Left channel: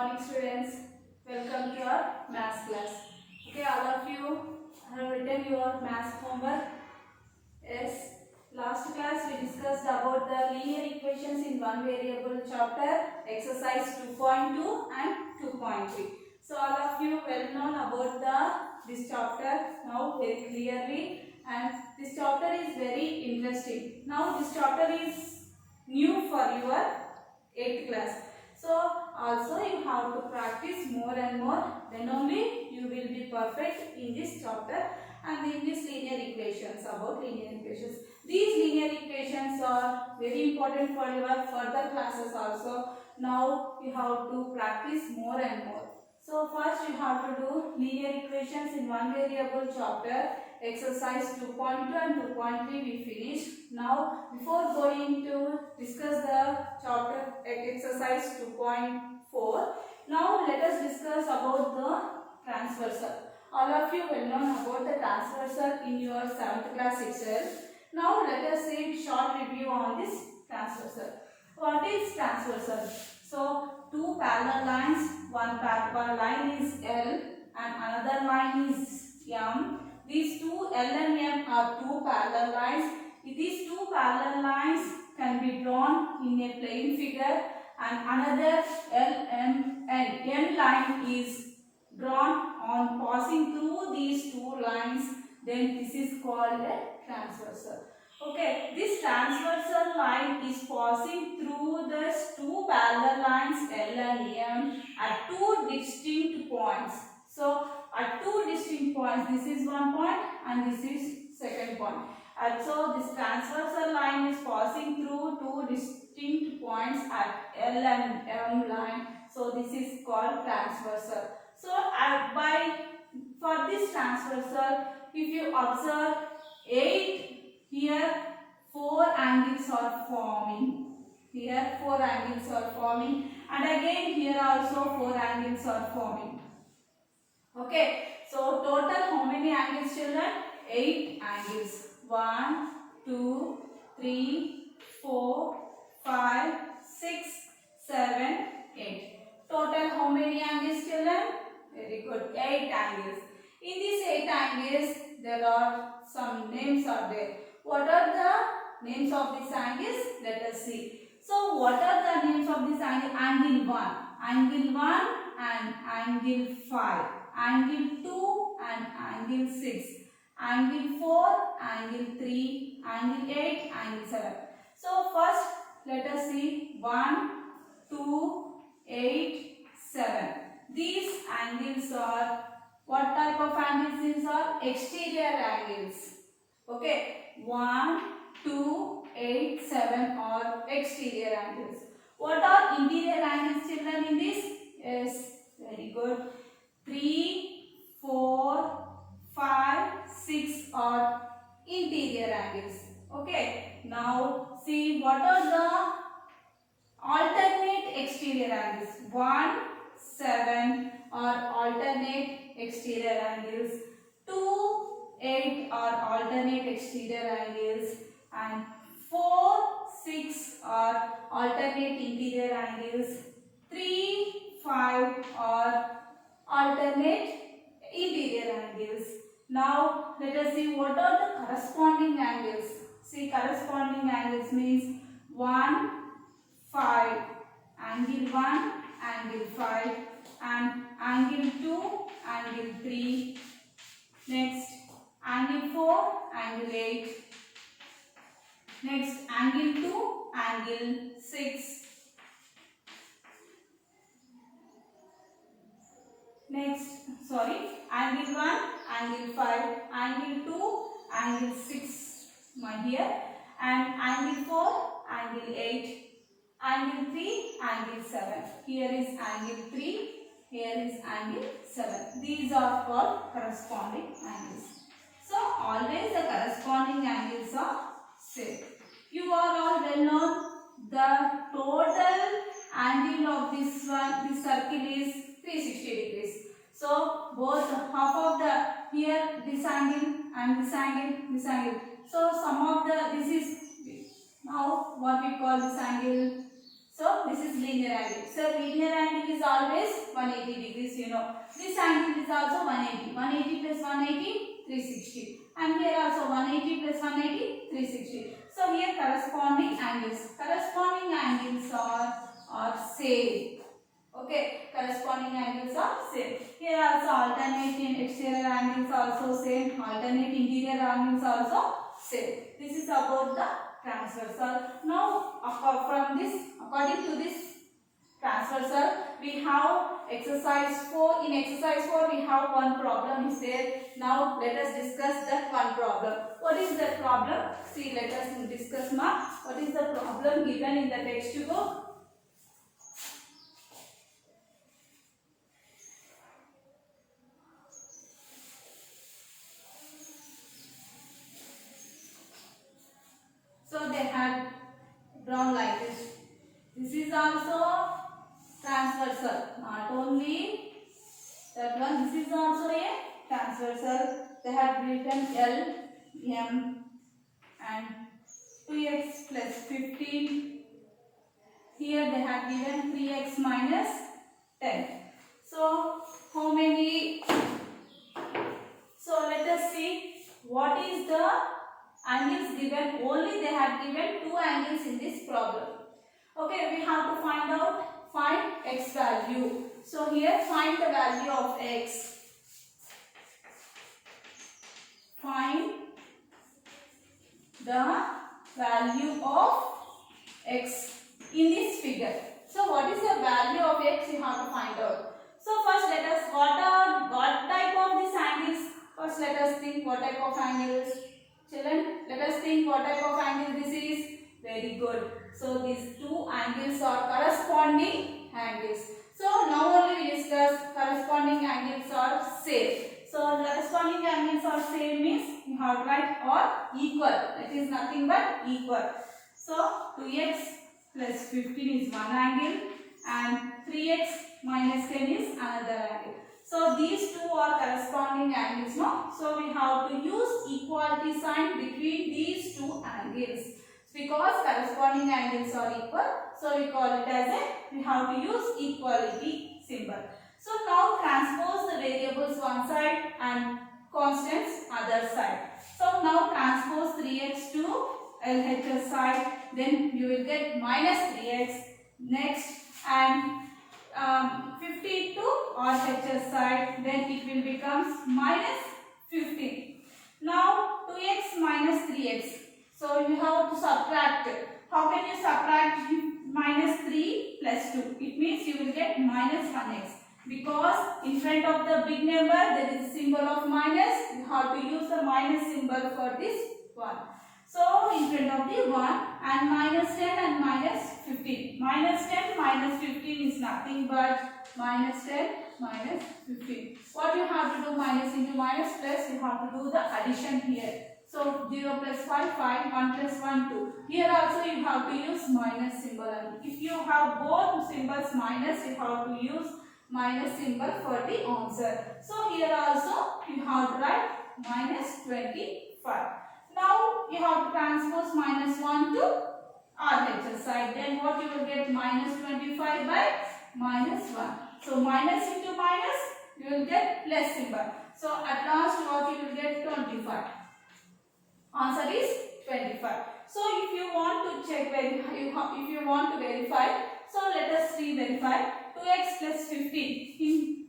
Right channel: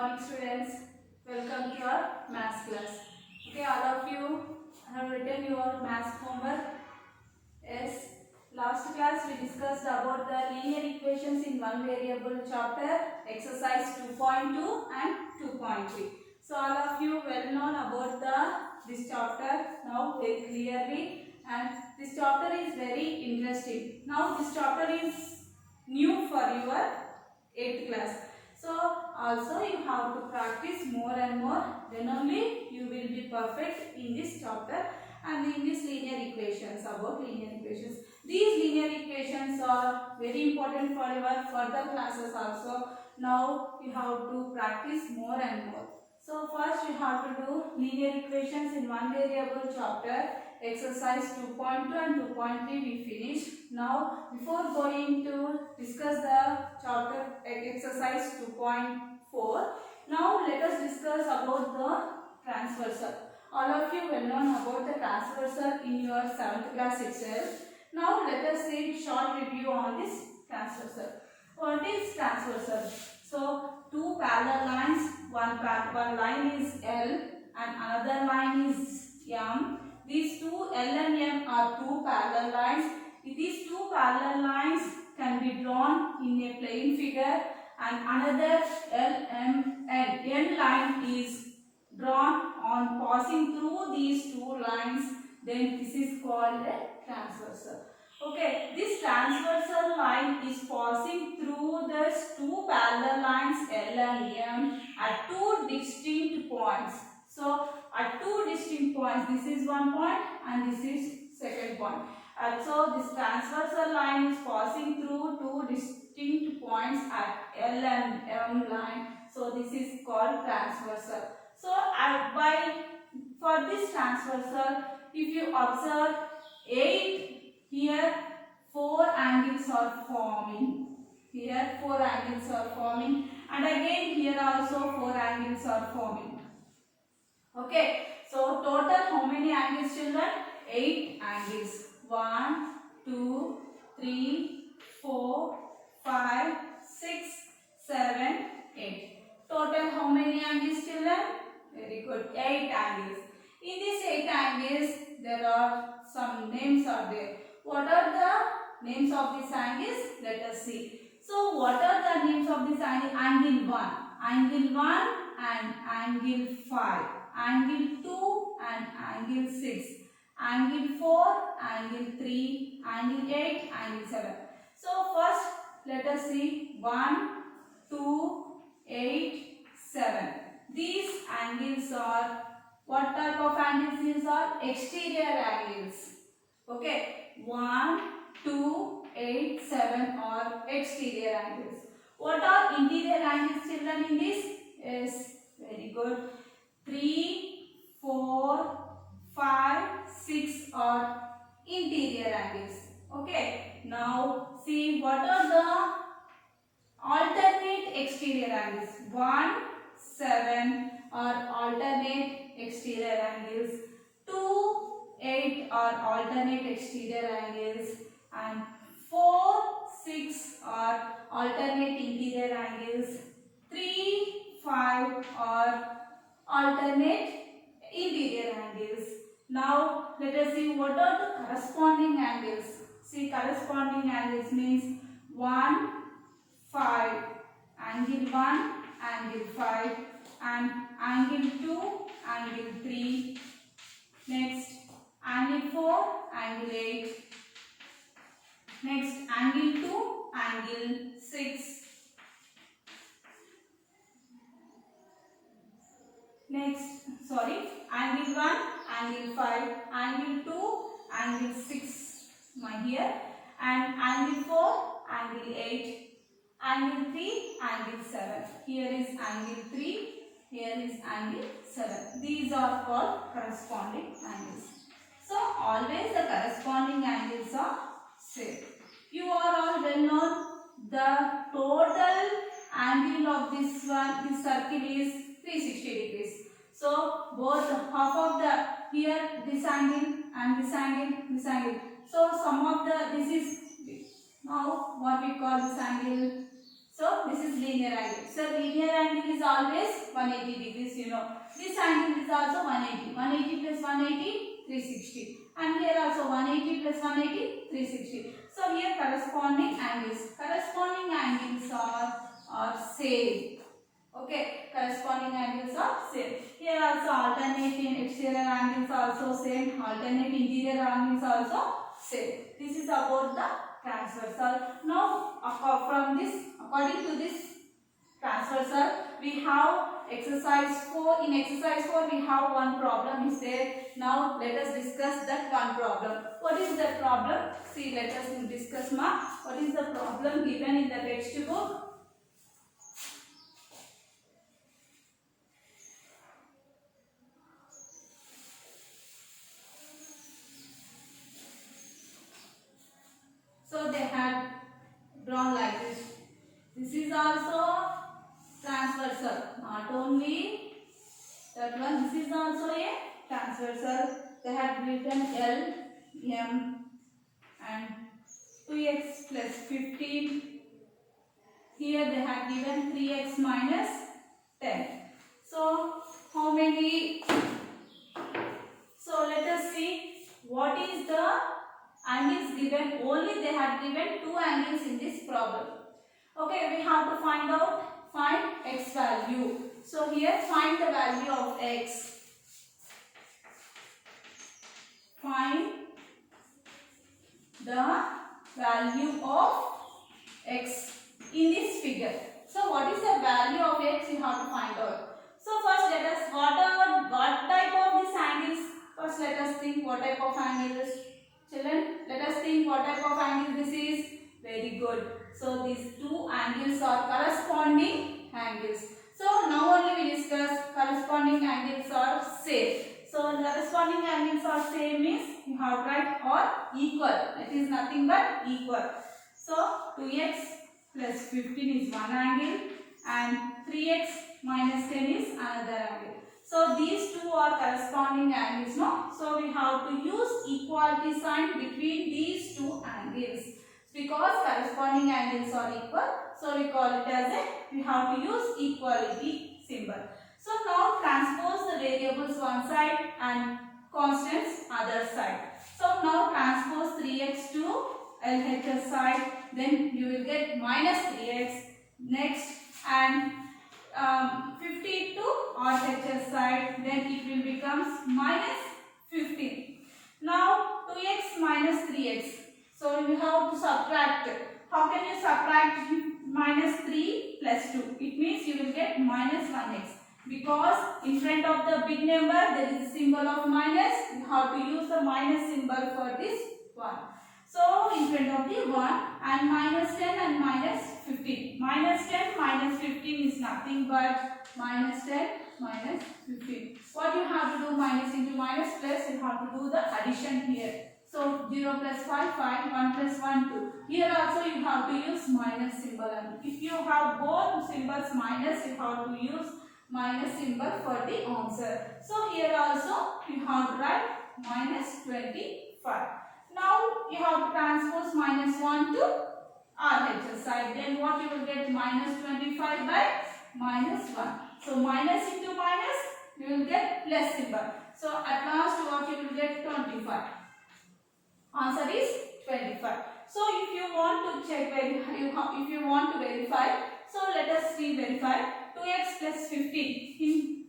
morning students, welcome to our maths class. Okay, all of you have written your maths homework. Yes, last class we discussed about the linear equations in one variable chapter, exercise 2.2 and 2.3. So all of you well known about this chapter now very clearly, and this chapter is very interesting. Now this chapter is new for your 8th class. So also you have to practice more and more, then only you will be perfect in this chapter and in this linear equations, about linear equations. These linear equations are very important for your further classes also. Now you have to practice more and more. So first you have to do linear equations in one variable chapter, exercise 2.2 and 2.3 we finished. Now before going to discuss the chapter exercise 2.4, now let us discuss about the transversal. All of you will know about the transversal in your 7th class itself. Now let us see short review on this transversal. What is transversal? So two parallel lines, one line is L and another line is M. These two L and M are two parallel lines. These two parallel lines can be drawn in a plane figure, and another L, M and N line is drawn on passing through these two lines. Then this is called a transversal. Okay, this transversal line is passing through the two parallel lines L and M at two distinct points. So at two distinct points, this is one point and this is second point. And so this transversal line is passing through two distinct points at L and M line. So this is called transversal. So for this transversal, if you observe 8 here, 4 angles are forming. Here 4 angles are forming, and again here also 4 angles are forming. Okay, so total how many angles, children? 8 angles. 1, 2, 3, 4, 5, 6, 7, 8. Total how many angles, children? Very good. 8 angles. In these 8 angles, there are some names are there. What are the names of these angles? Let us see. So, what are the names of this angle? Angle 1. Angle 1 and angle 5. Angle 2 and angle 6. Angle 4, angle 3, angle 8, angle 7. So, first let us see 1, 2, 8, 7. These angles are, what type of angles these are? Exterior angles. Okay, 1, 2, 8, 7 are exterior angles. What are interior angles, children, in this? Yes, very good. 3, 4, 5, 6 are interior angles. Okay, now see what are the alternate exterior angles. 1, 7 are alternate exterior angles. 2, 8 are alternate exterior angles, and 4, 6 are alternate interior angles. 3, 5 are alternate interior angles. Now let us see what are the corresponding angles. See, corresponding angles means 1, 5, angle 1, angle 5, and angle 2, angle 3. Next, angle 4, angle 8. Next, angle 2, angle 6. Next, angle 1, angle 5, angle 2, angle 6, my dear, and angle 4, angle 8, angle 3, angle 7. Here is angle 3, here is angle 7. These are called corresponding angles. So, always the corresponding angles are same. You are all well known the total angle of this circle is 360 degrees. So, both half of the, here this angle and this angle, this angle. So, sum of the, this is now what we call this angle. So this is linear angle. So linear angle is always 180 degrees, you know. This angle is also 180. 180 plus 180, 360. And here also 180 plus 180, 360. So here corresponding angles. Corresponding angles are same. Okay, corresponding angles are same. Here also alternating exterior angles also same. Alternate interior angles also same. This is about the transversal. Now, according to this transversal, we have exercise 4. In exercise 4, we have one problem is there. Now, let us discuss that one problem. What is that problem? See, let us discuss now. What is the problem given in the textbook? So, they had drawn like this. This is also transversal. Not only that one, this is also a transversal. They have written L, M and 2x plus 15. Here they have given 3x minus 10. So, how many? So, let us see what is the angles given. Only they have given 2 angles in this problem. Okay, we have to find x value. So here find the value of x. Find the value of x in this figure. So what is the value of x you have to find out. So first let us, what type of these angles? First let us think what type of angles. Children, let us think what type of angle this is. Very good. So these 2 angles are corresponding angles. So now only we discuss corresponding angles are same. So corresponding angles are same means you have to write or equal. It is nothing but equal. So 2x plus 15 is one angle and 3x minus 10 is another angle. So these 2 are corresponding angles, no? So we have to use equality sign between these 2 angles. Because corresponding angles are equal, so we call it as we have to use equality symbol. So now transpose the variables one side and constants other side. So now transpose 3x to LHS side, then you will get minus 3x next, and 50 to RHS side, then it will become minus 50. Now 2x minus 3x. So you have to subtract. How can you subtract minus 3 plus 2? It means you will get minus 1x. Because in front of the big number there is a symbol of minus. You have to use the minus symbol for this one. So in front of the 1 and minus 10 and minus 15. Minus 10 minus 15 is nothing but minus 10 minus 15. What you have to do, minus into minus plus, you have to do the addition here. So 0 plus 5, 5, 1 plus 1, 2. Here also you have to use minus symbol. And if you have both symbols minus, you have to use minus symbol for the answer. So here also you have to write minus 25. Now you have to transpose minus 1 to RHS side. Then what you will get, minus 25 by minus 1. So minus into minus, you will get plus symbol. So at last what you will get, 25. Answer is 25. So if you want to check, if you want to verify, so let us verify 2x plus 15.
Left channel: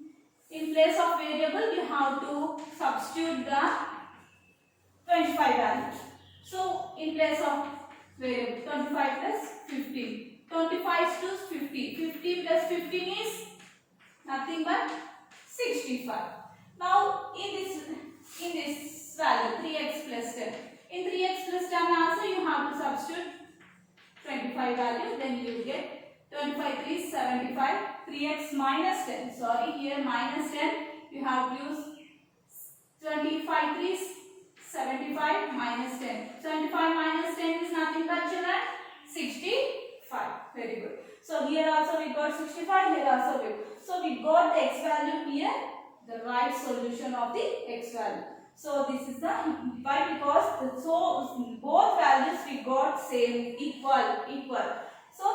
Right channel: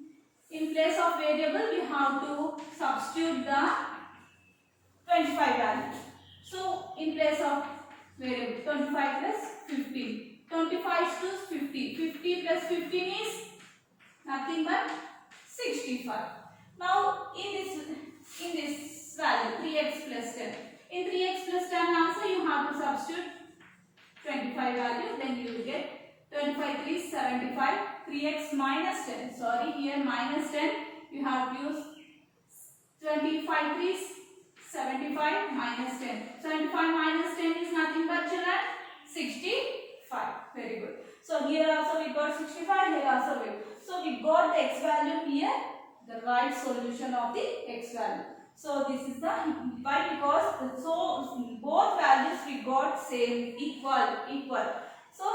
In place of variable, you have to substitute the 25 value. So in place of variable, 25 plus 15. 25 to 50. 50 plus 15 is nothing but 65. Now in this value, 3x plus 10. In 3x plus 10 also you have to substitute 25 value, then you will get 25 3 is 75, 3x minus 10. Sorry, here minus 10, you have to use 25 3 is 75 minus 10. 75 minus 10 is nothing but children 65. Very good. So here also we got 65, here also we. So we got the x value here, the right solution of the x value. So this is the why, because so both values we got same, equal. So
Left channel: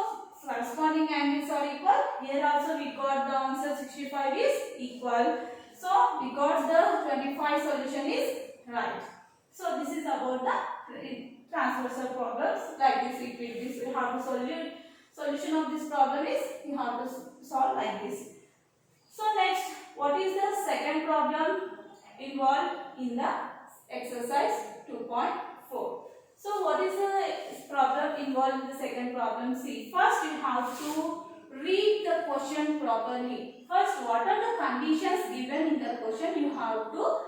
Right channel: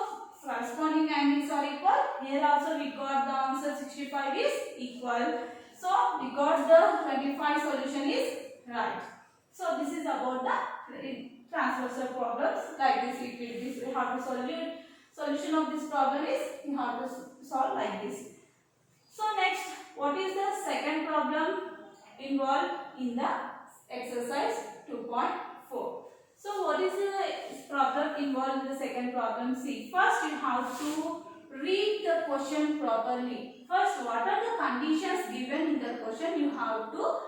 corresponding angles are equal. Here also we got the answer 65 is equal. So we got the 25 solution is right. So this is about the transversal problems. Like this, we have to solution of this problem is we have to solve like this. So next, what is the second problem involved in the exercise 2.4? So what is the problem involved in the second problem? See, first you have to read the question properly. First, what are the conditions given in the question? You have to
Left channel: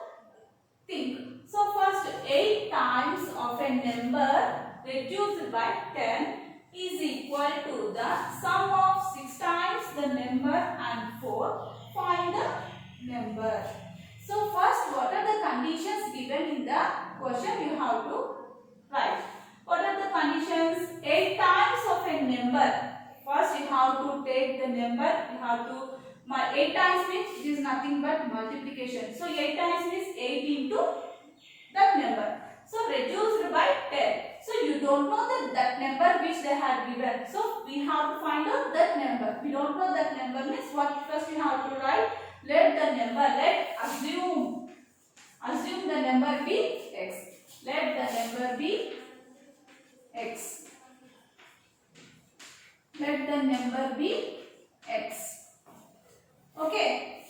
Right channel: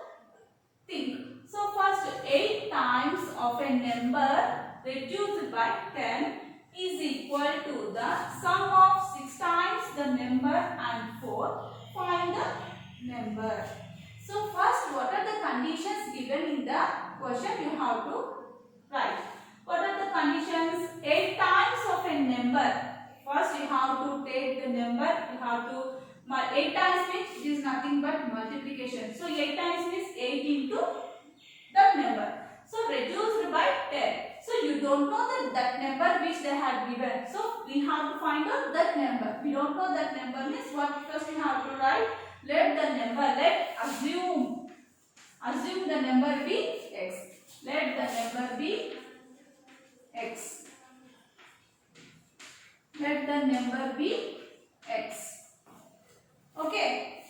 think. So first, 8 times of a number reduced by 10 is equal to the sum of 6 times the number and 4. Find the number. So first, what are the conditions given in the question? You have to write. What are the conditions? 8 times of a number. First, you have to take the number. You have to 8 times means it is nothing but multiplication. So 8 times means 8 into that number. So reduced by 10. So you don't know that number which they had given. So we have to find out that number. We don't know that number means what? First we have to write. Let the number, assume the number be x. Let the number be x. Let the number be x. Okay.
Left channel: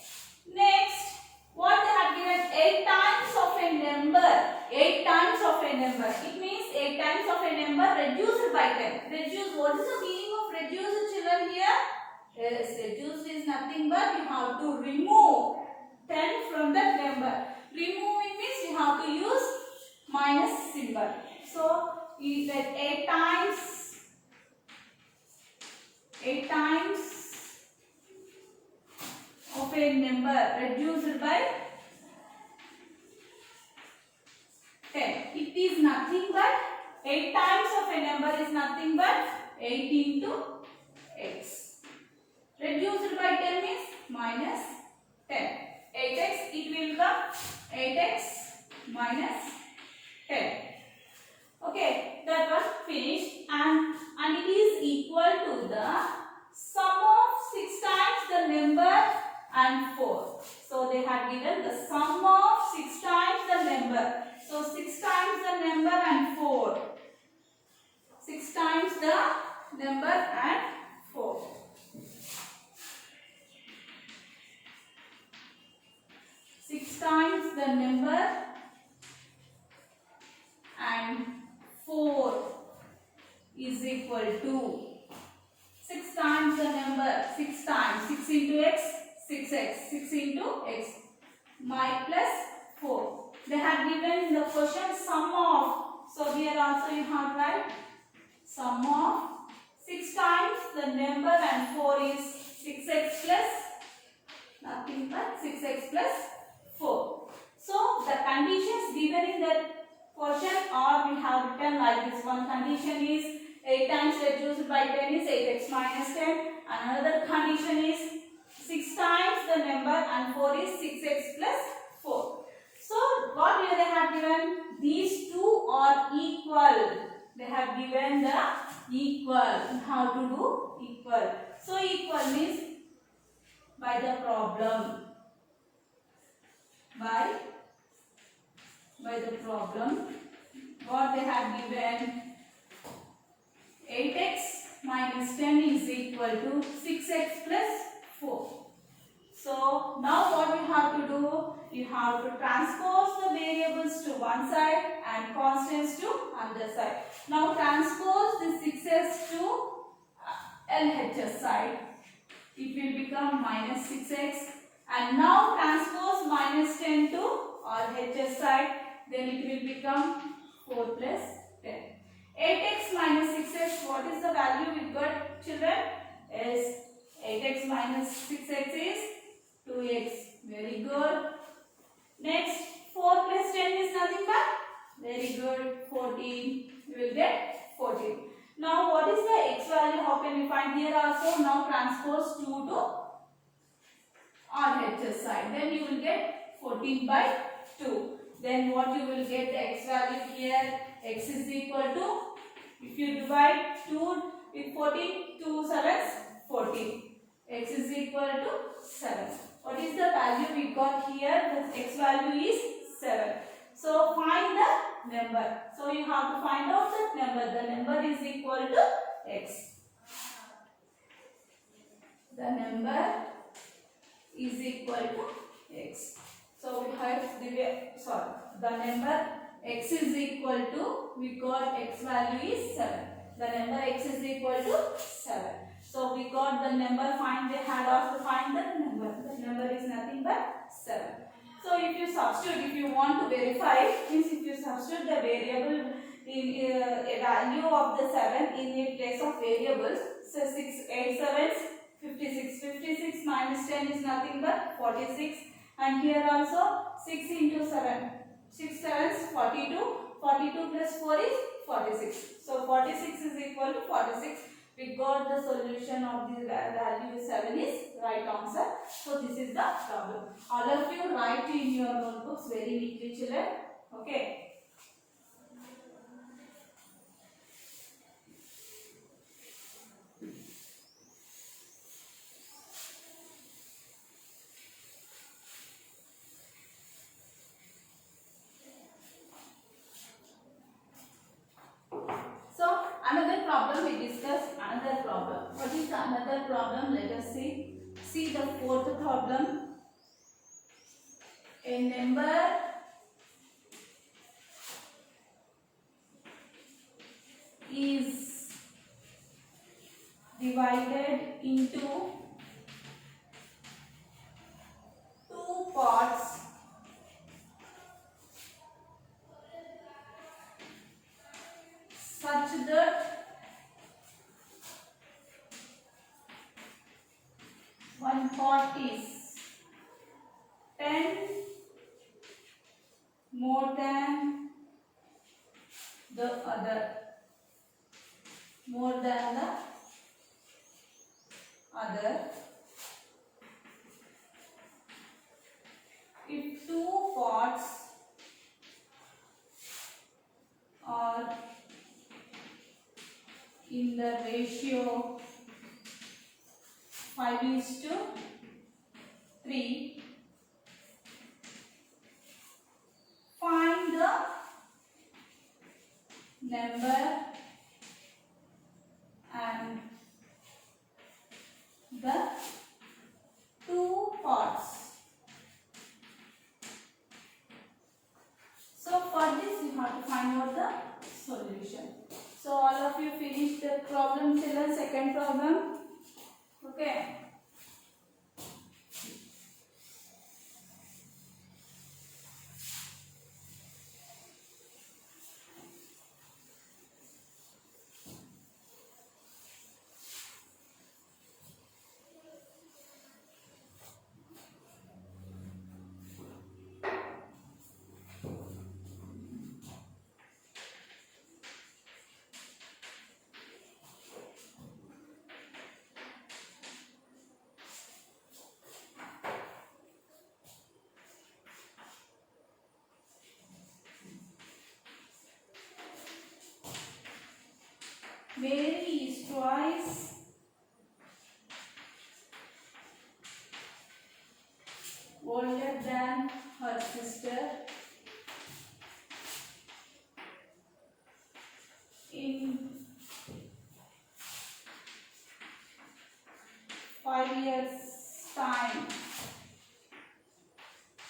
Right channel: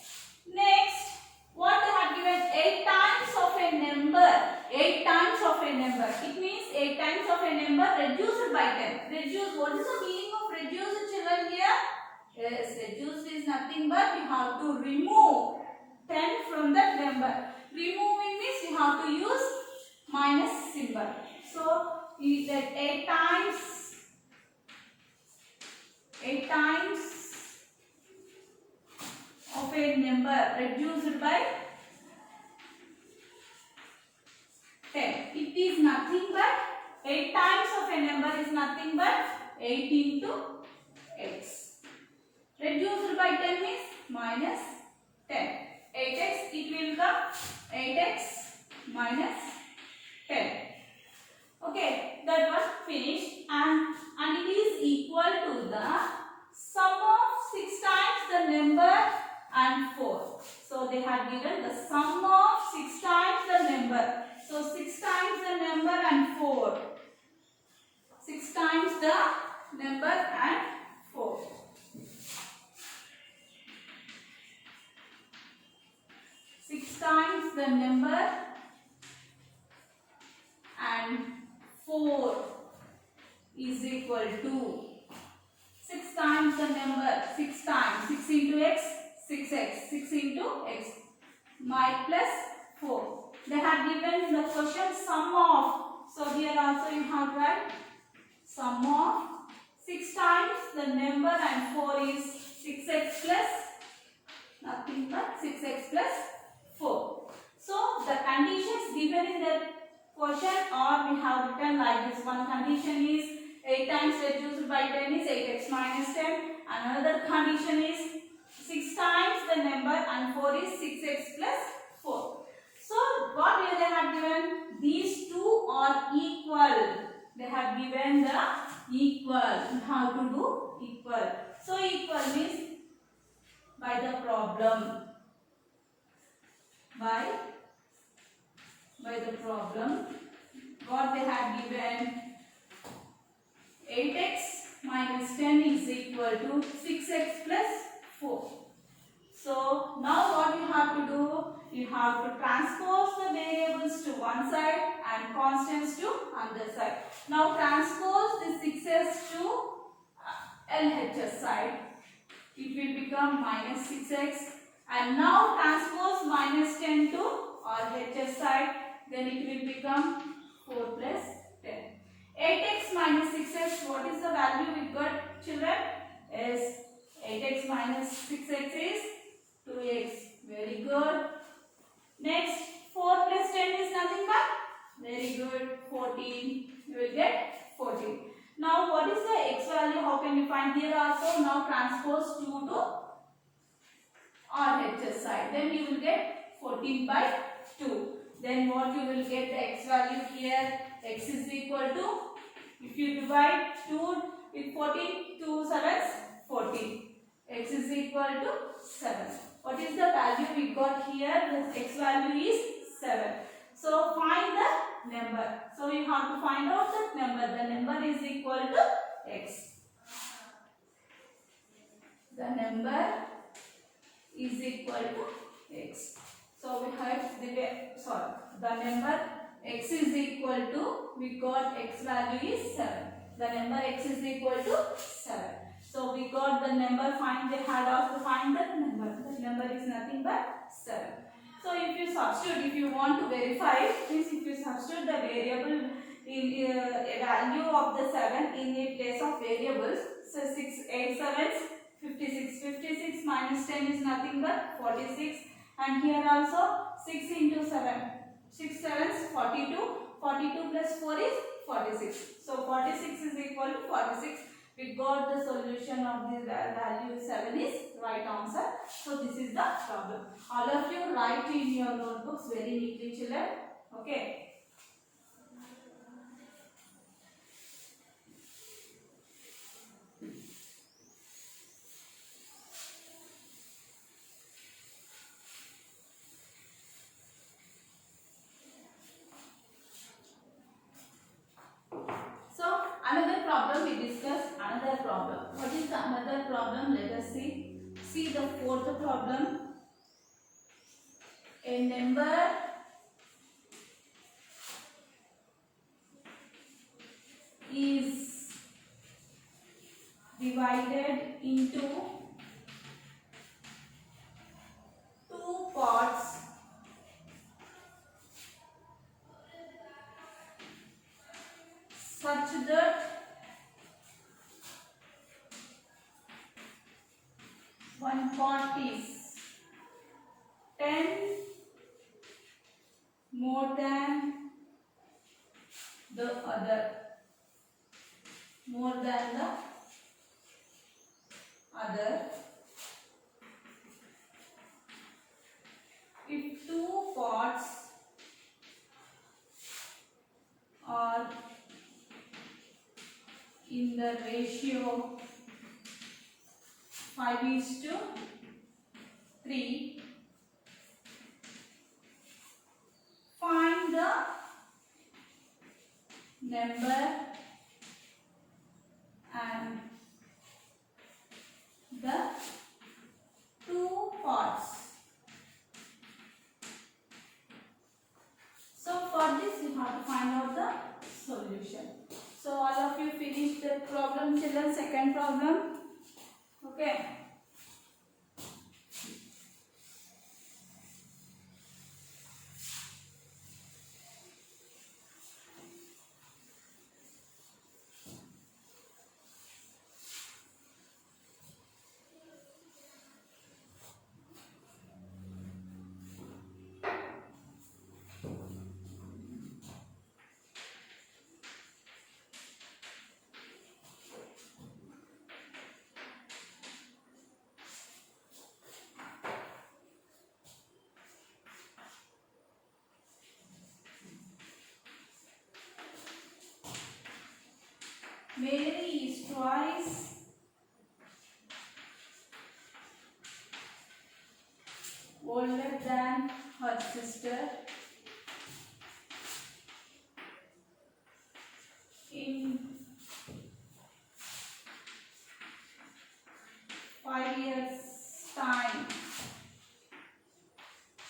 Next, what they have given? 8 times of a number. 8 times of a number. It means 8 times of a number reduced by 10. Reduce. What is the meaning of reduce, children, here? Yes, reduce is nothing but you have to remove 10 from that number. Removing means you have to use minus symbol. So, that 8 times of a number reduced by 10. It is nothing but 8 times of a number is nothing but 8 into x. Reduced by 10 means minus 10. 8x, it will come 8x minus 10. Okay, that was finished and it is equal to the sum of 6 times the number and 4. So they had given the sum of 6 times the number. So 6 times the number and 4. 6 times the number and 4. 6 times the number and 4 is equal to 6 times the number, 6 times, 6 into x, 6x, 6 into x, my plus 4. They have given the question sum of, so here also you have to write sum of 6 times the number and 4 is 6x plus nothing but 6x plus 4. So the conditions given in the question are we have written like this. One condition is 8 times reduced by 10 is 8x minus 10. Another condition is 6 times the number and 4 is 6x plus 4. So what they have given? These two are equal. They have given the equal. How to do equal? So equal means by the problem. By the problem, what they have given, 8x minus 10 is equal to 6x plus 4. So now what you have to do, you have to transpose the variables to one side and constants to other side. Now transpose the 6x to LHS side. It will become minus 6x. And now transpose minus 10 to RHS side, then it will become 4 plus 10. 8x minus 6x, what is the value we got, children? Is 8x minus 6x is 2x. Very good. Next, 4 plus 10 is nothing but, very good, 14. You will get 14. Now what is the x value? How can we find? Here also now transpose 2 to RHS side. Then you will get 14 by 2. Then what you will get the x value here? X is equal to, if you divide 2 with 14 14, 2 sevens 14. X is equal to 7. What is the value we got here? The x value is 7. So find the number. So we have to find out the number. The number is equal to x. The number is equal to x. So we have the number x is equal to, we got x value is 7. The number x is equal to 7. So we got the number, they had asked to find the number. The number is nothing but 7. So if you substitute, if you want to verify, means if you substitute the variable in a value of the 7 in a place of variables, so 6, 8 sevens, 56. 56 minus 10 is nothing but 46. And here also 6 into 7. 6 sevens, 42. 42 plus 4 is 46. So 46 is equal to 46. We got the solution of the value 7 is right answer. So this is the problem. All of you write in your notebooks very neatly, children. Okay. Another problem we discussed, another problem. What is the another problem? Let us see. See the fourth problem. A number is divided into two parts such that one part is 10 more than the other, if two parts are in the ratio 5:3, find the number and the two parts. So for this you have to find out the solution. So all of you finished the problem, children, second problem. Okay. Mary is twice older than her sister in 5 years' time.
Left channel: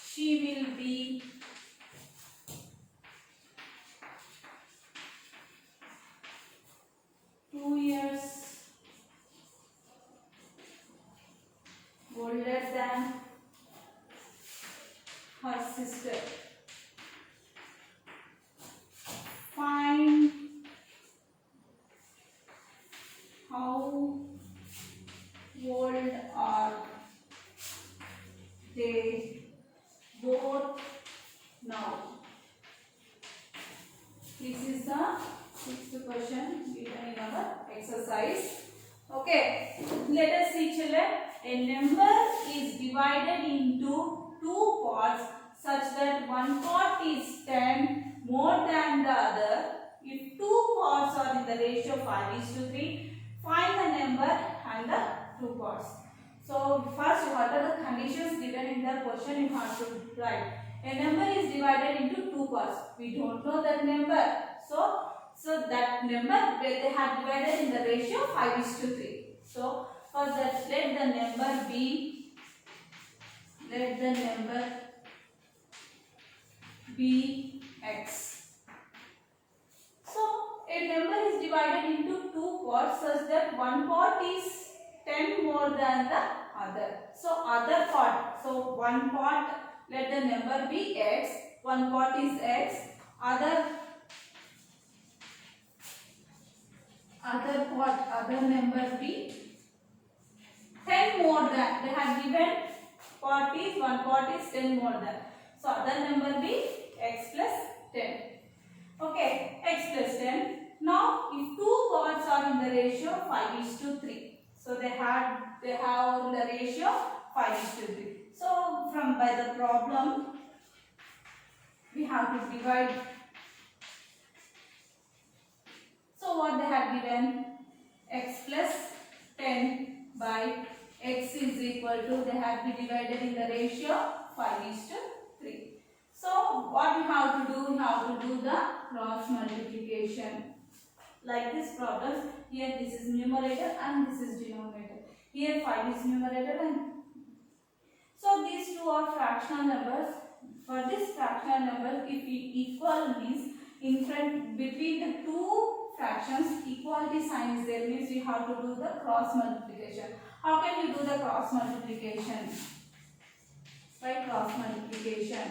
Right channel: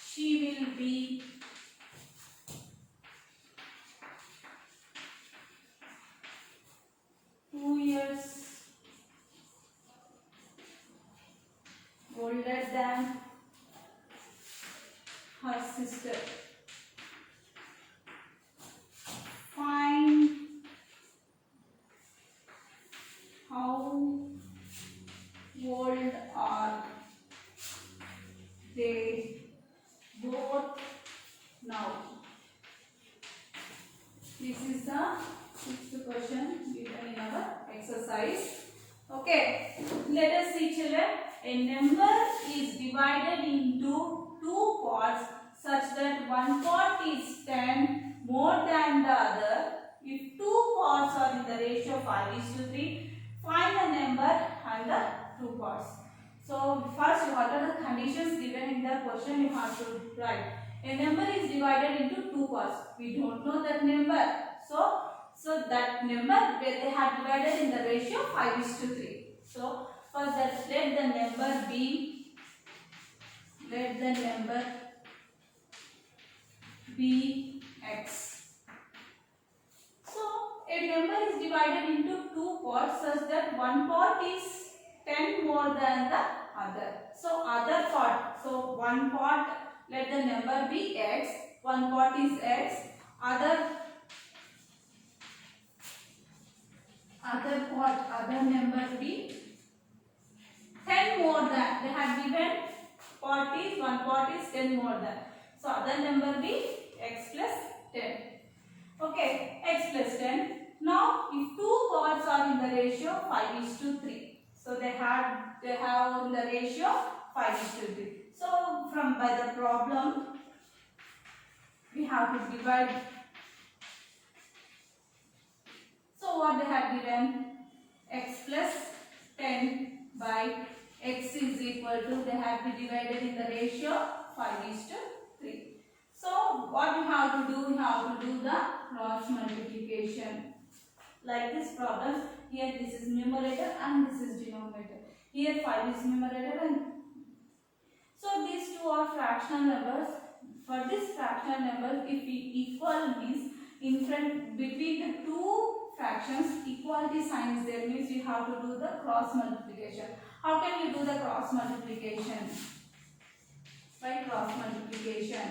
She will be 2 years older than her sister. Find how old are they both now? This is the sixth question given in our exercise. Okay, let us see, children. A number is divided into two parts such that one part is 10 more than the other. If two parts are in the ratio 5:3, find parts. So first, what are the conditions given in the question you have to write. A number is divided into two parts. We don't know that number. So that number where they have divided in the ratio 5:3. So for that, let the number be x. So a number is divided into two parts such that one part is 10 more than the other. So other part, so one part, let the number be x, one part is x, other number be 10 more than, they have given part is, one part is 10 more than. So other number be x plus 10. Okay, x plus 10. Now if two parts are in the ratio 5:3. So they have in the ratio 5:3. So by the problem we have to divide. So what they have given, x plus 10 by x is equal to, they have been divided in the ratio 5:3. So what we have to do, we have to do the cross multiplication. Like this problem, here this is numerator and this is denominator. Here 5 is numerator and so these two are fractional numbers. For this fractional number, if equal means in front between the two fractions equality sign is there, means we have to do the cross multiplication. How can we do the cross multiplication? By cross multiplication.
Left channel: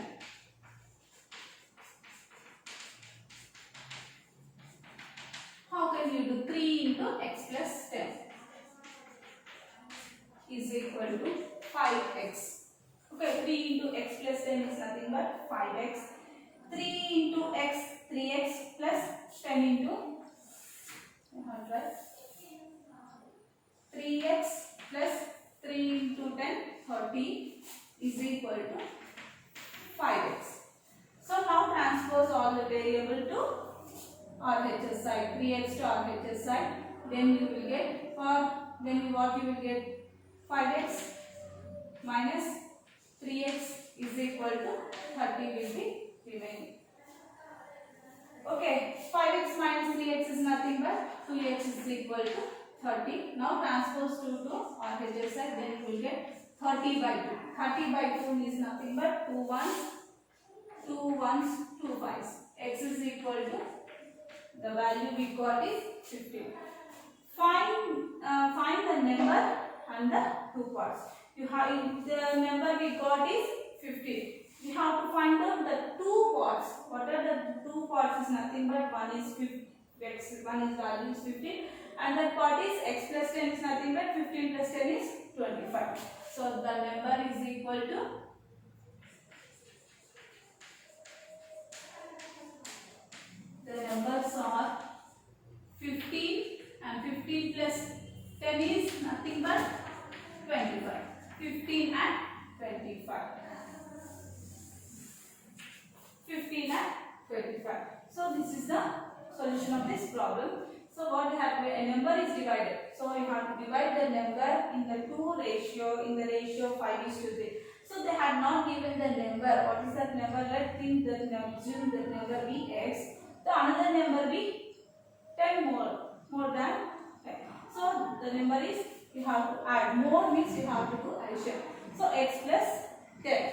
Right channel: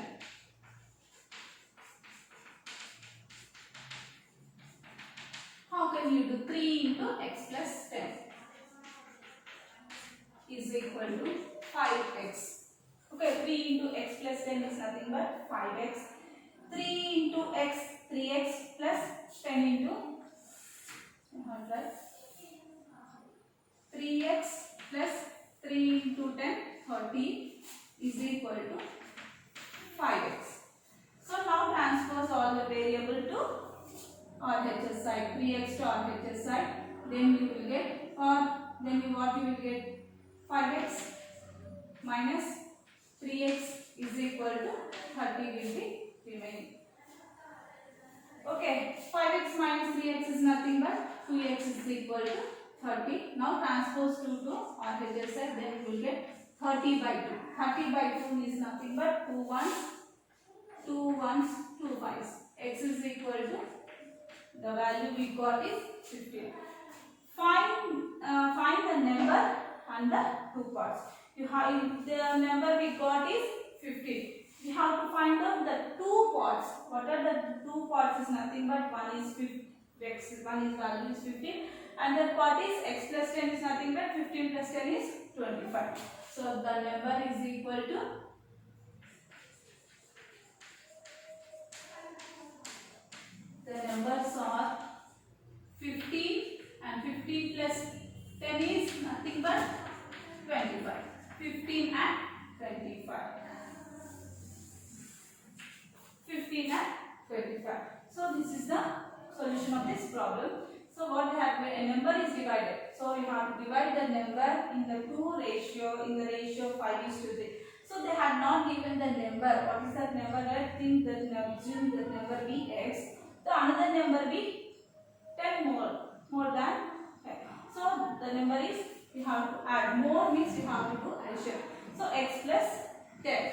How can you do 3 into x plus 10 is equal to 5x. Okay, 3 into x plus 10 is nothing but 5x. 3 into x, 3x plus 10 into 3x plus 3 into 10, 30 is equal to 5x. So now transpose all the variable to RHS side, 3x to RHS side, then you will get, what you will get, 5x minus 3x is equal to 30 will be remaining. Okay, 5x minus 3x is nothing but 2x is equal to 30. Now transpose 2 to RHS side, then you will get 30 by 2. 30 by 2 is nothing but 2 ones, 2 ones, 2 5s. X is equal to, the value we got is 15. Find the number and the two parts. You have the number we got is 15. You have to find out the two parts. What are the two parts is nothing but one is 50, one is value is 15, and the part is x plus 10 is nothing but 15 plus 10 is 25. So the number is equal to, the numbers are 15 and 15 plus 10 is nothing but 25. 15 and 25. 15 and 25. So this is the solution of this problem. So what we have, a number is divided. So you have to divide the number in the ratio 5:3. So they had not given the number. What is that number? Let's think that assume the number be x. The another number be 10 more than 10. So the number is, you have to add, more means you have to do addition. So x plus 10.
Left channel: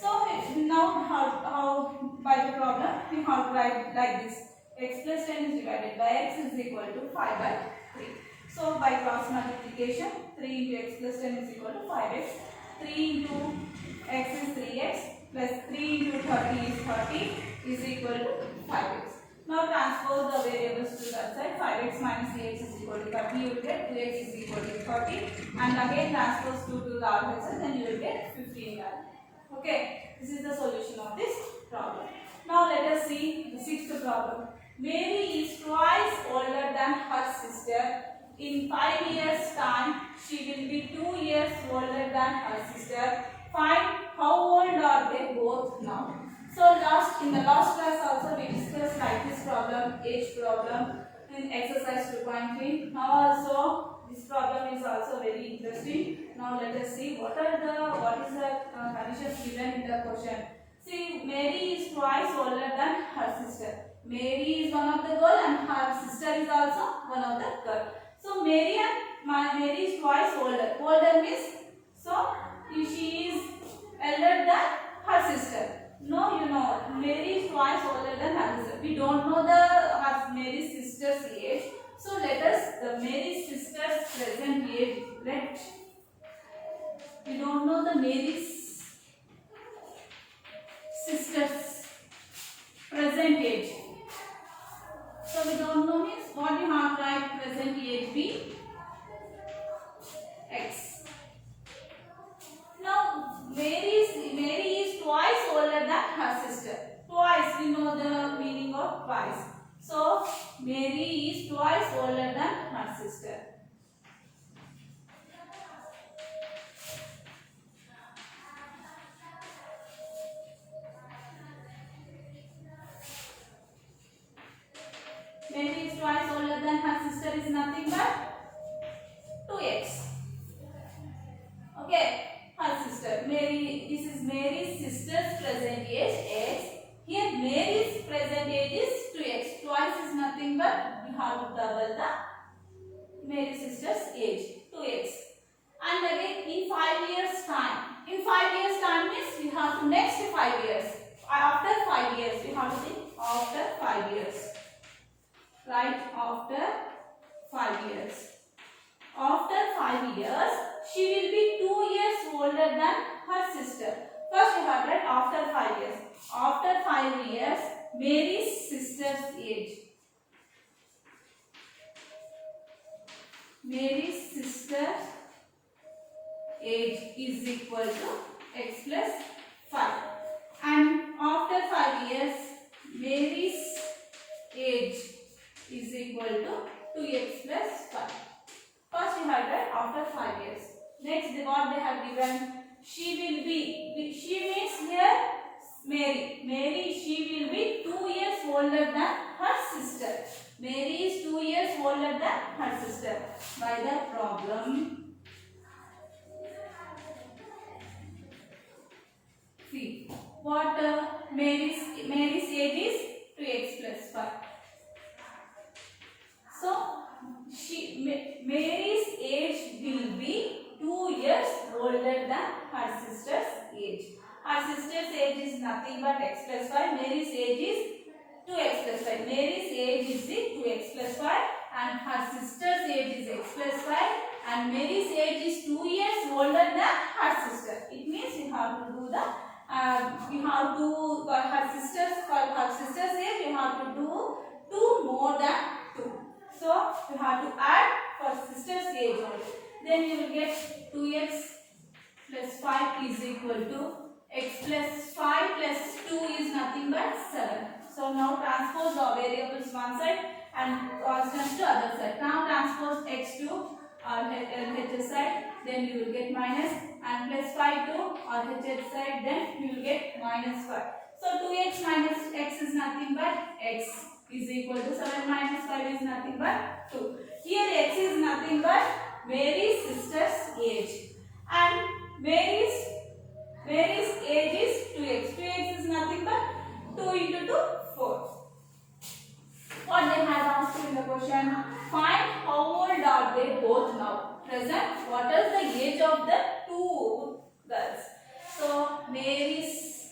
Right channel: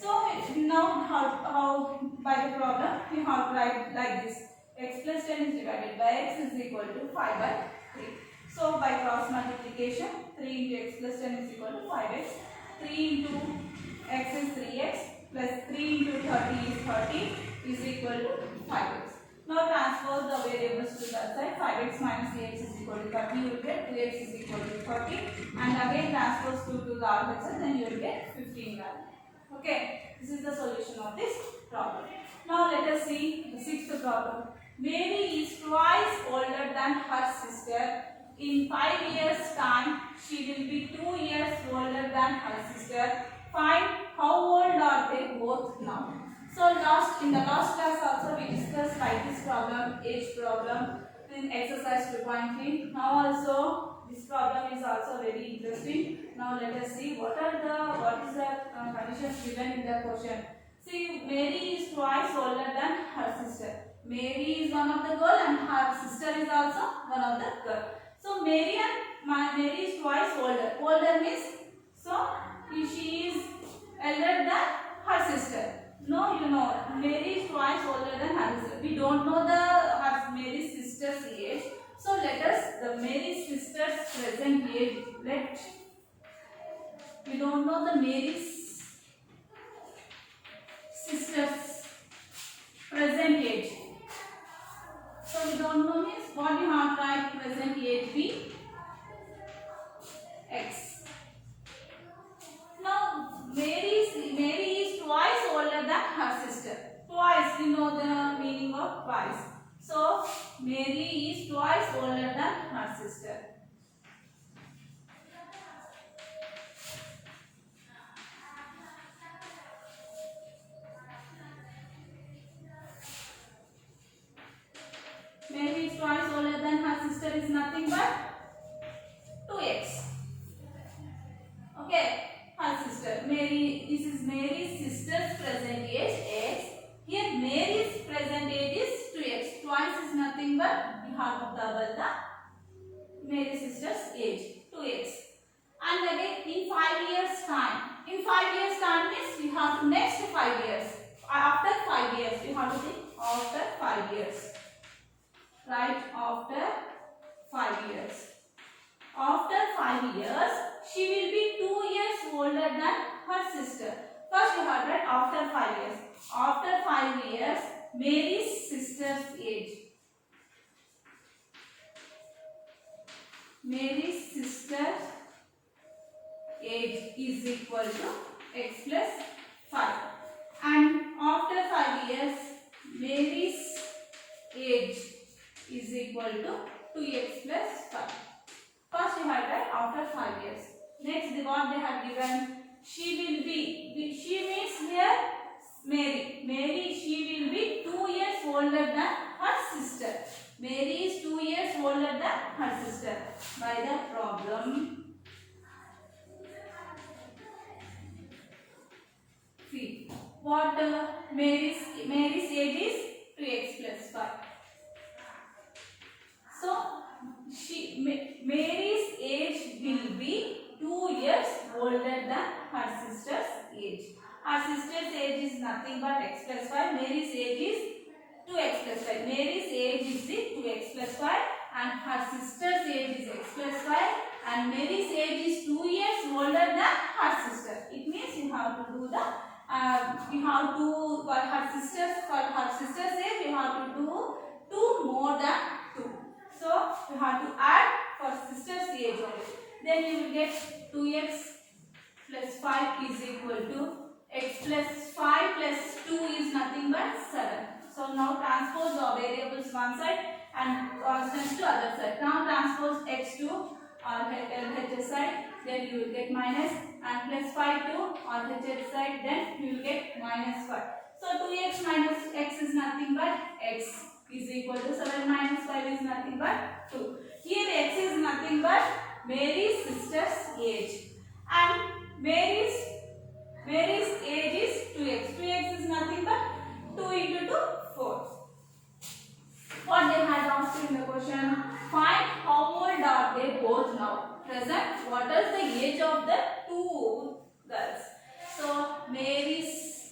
So now how by the problem we have to write like this. X plus 10 is divided by x is equal to 5 by 3. So by cross multiplication, 3 into x plus 10 is equal to 5x. 3 into x is 3x plus 3 into 30 is 30 is equal to 5x. Now transpose the variables to that side. 5x minus 3x is equal to 30. You will get 2x is equal to 30. And again transpose 2 to the RHS, then you will get 15 value. Okay, this is the solution of this problem. Now let us see the sixth problem. Mary is twice older than her sister. In 5 years' time, she will be 2 years older than her sister. Find how old are they both now. So in the last class also we discussed like this problem, age problem in exercise 2.3. Now also this problem is also also very interesting. Now let us see what is the conditions given in the question. See, Mary is twice older than her sister. Mary is one of the girl and her sister is also one of the girl. So Mary is twice older. Older means, so she is elder than her sister. No, you know, Mary is twice older than her sister. We don't know Mary's sister's age. So let us the Mary's sister's present age. We don't know the Mary's sister's present age. So we don't know means what you have to write present age be x. Now Mary is twice older than her sister. Twice, we know the meaning of twice. So Mary is twice older than her sister. Mary is twice older than her sister is nothing but 2x. Okay, her sister. This is Mary's sister's present age x. Here Mary's present age is 2x. Twice is nothing but we have to double the Mary's sister's age 2x. And again in 5 years time. In 5 years time means we have to next 5 years. After 5 years we have to think after 5 years. Right, after 5 years. After 5 years, she will be 2 years older than her sister. First we have read after 5 years. After 5 years, Mary's sister's age. Mary's sister's age is equal to x plus 5. And after 5 years, Mary's age is equal to 2x plus 5. First we have read after 5 years. Next what they have given, she means here Mary, she will be 2 years older than her sister. Mary is 2 years older than her sister. By the problem, see what Mary's age is 2x plus 5. So Mary's age will be 2 years older than her sister's age. Her sister's age is nothing but x plus 5. Mary's age is 2x plus 5. Mary's age is 2x plus 5 and her sister's age is x plus 5 and Mary's age is 2 years older than her sister. It means you have to do the her sister's age you have to do 2 more than 2. So you have to add for sister's age only. Then you will get 2x plus 5 is equal to x plus 5 plus 2 is nothing but 7. So now transpose the variables one side and constants to other side. Now transpose x to LHS side, then you will get minus, and plus 5 to RHS side, then you will get minus 5. So 2x minus x is nothing but x is equal to 7 minus 5 is nothing but 2. Here x is nothing but Mary's sister's age and Mary's age is 2x. 2x is nothing but 2 into 2, 4. What they had asked in the question, find how old are they both now. Present, what is the age of the two girls? So Mary's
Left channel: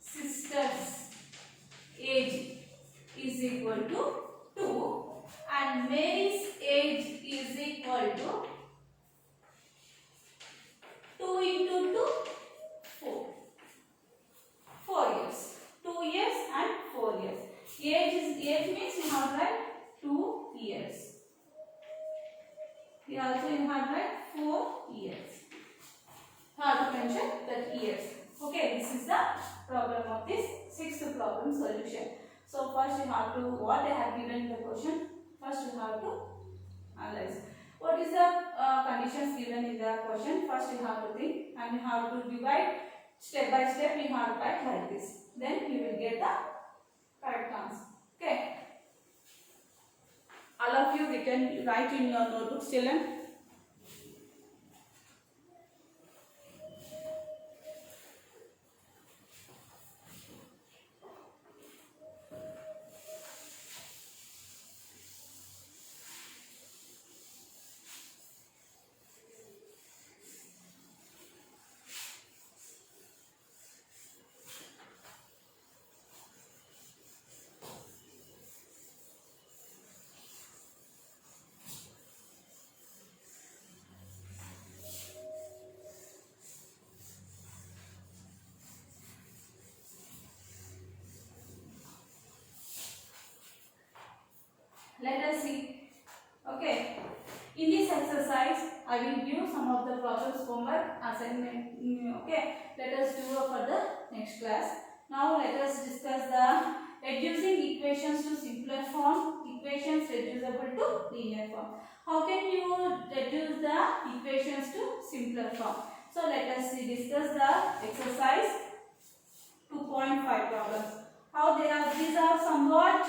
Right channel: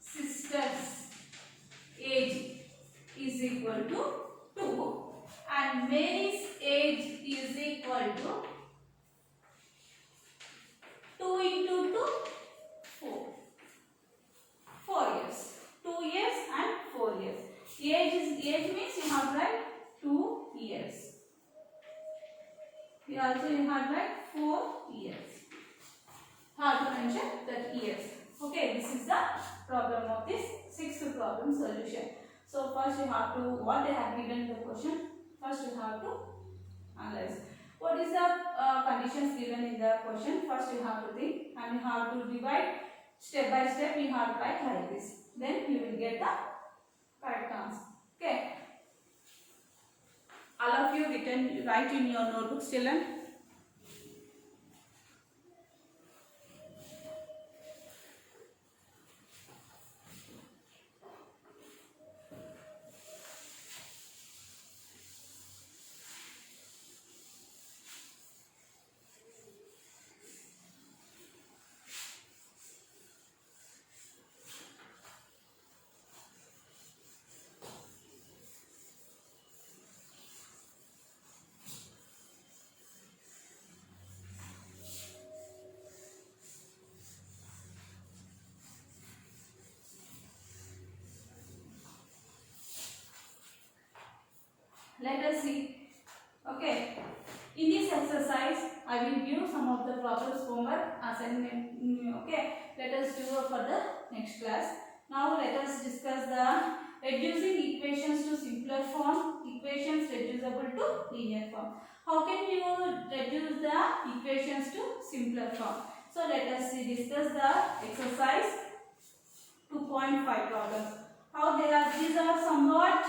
sister's age is equal to 2 and Mary's age is equal to 2 into 2, 4. 4 years. 2 years and 4 years. Age means you have like 2 years. We also have like 4 years. Have to mention that years. Okay, this is the problem of this sixth problem solution. So first you have to, what they have given in the question, first you have to analyze. What is the conditions given in the question? First you have to think and you have to divide step by step. You have to write like this. Then you will get the correct answer. Okay. All of you you written, write in your notebooks, children. Let us see. Okay. In this exercise, I will give some of the problems homework assignment. Okay. Let us do for the next class. Now let us discuss the reducing equations to simpler form. Equations reducible to linear form. How can you reduce the equations to simpler form? So let us see, discuss the exercise 2.5 problems. How they are? These are somewhat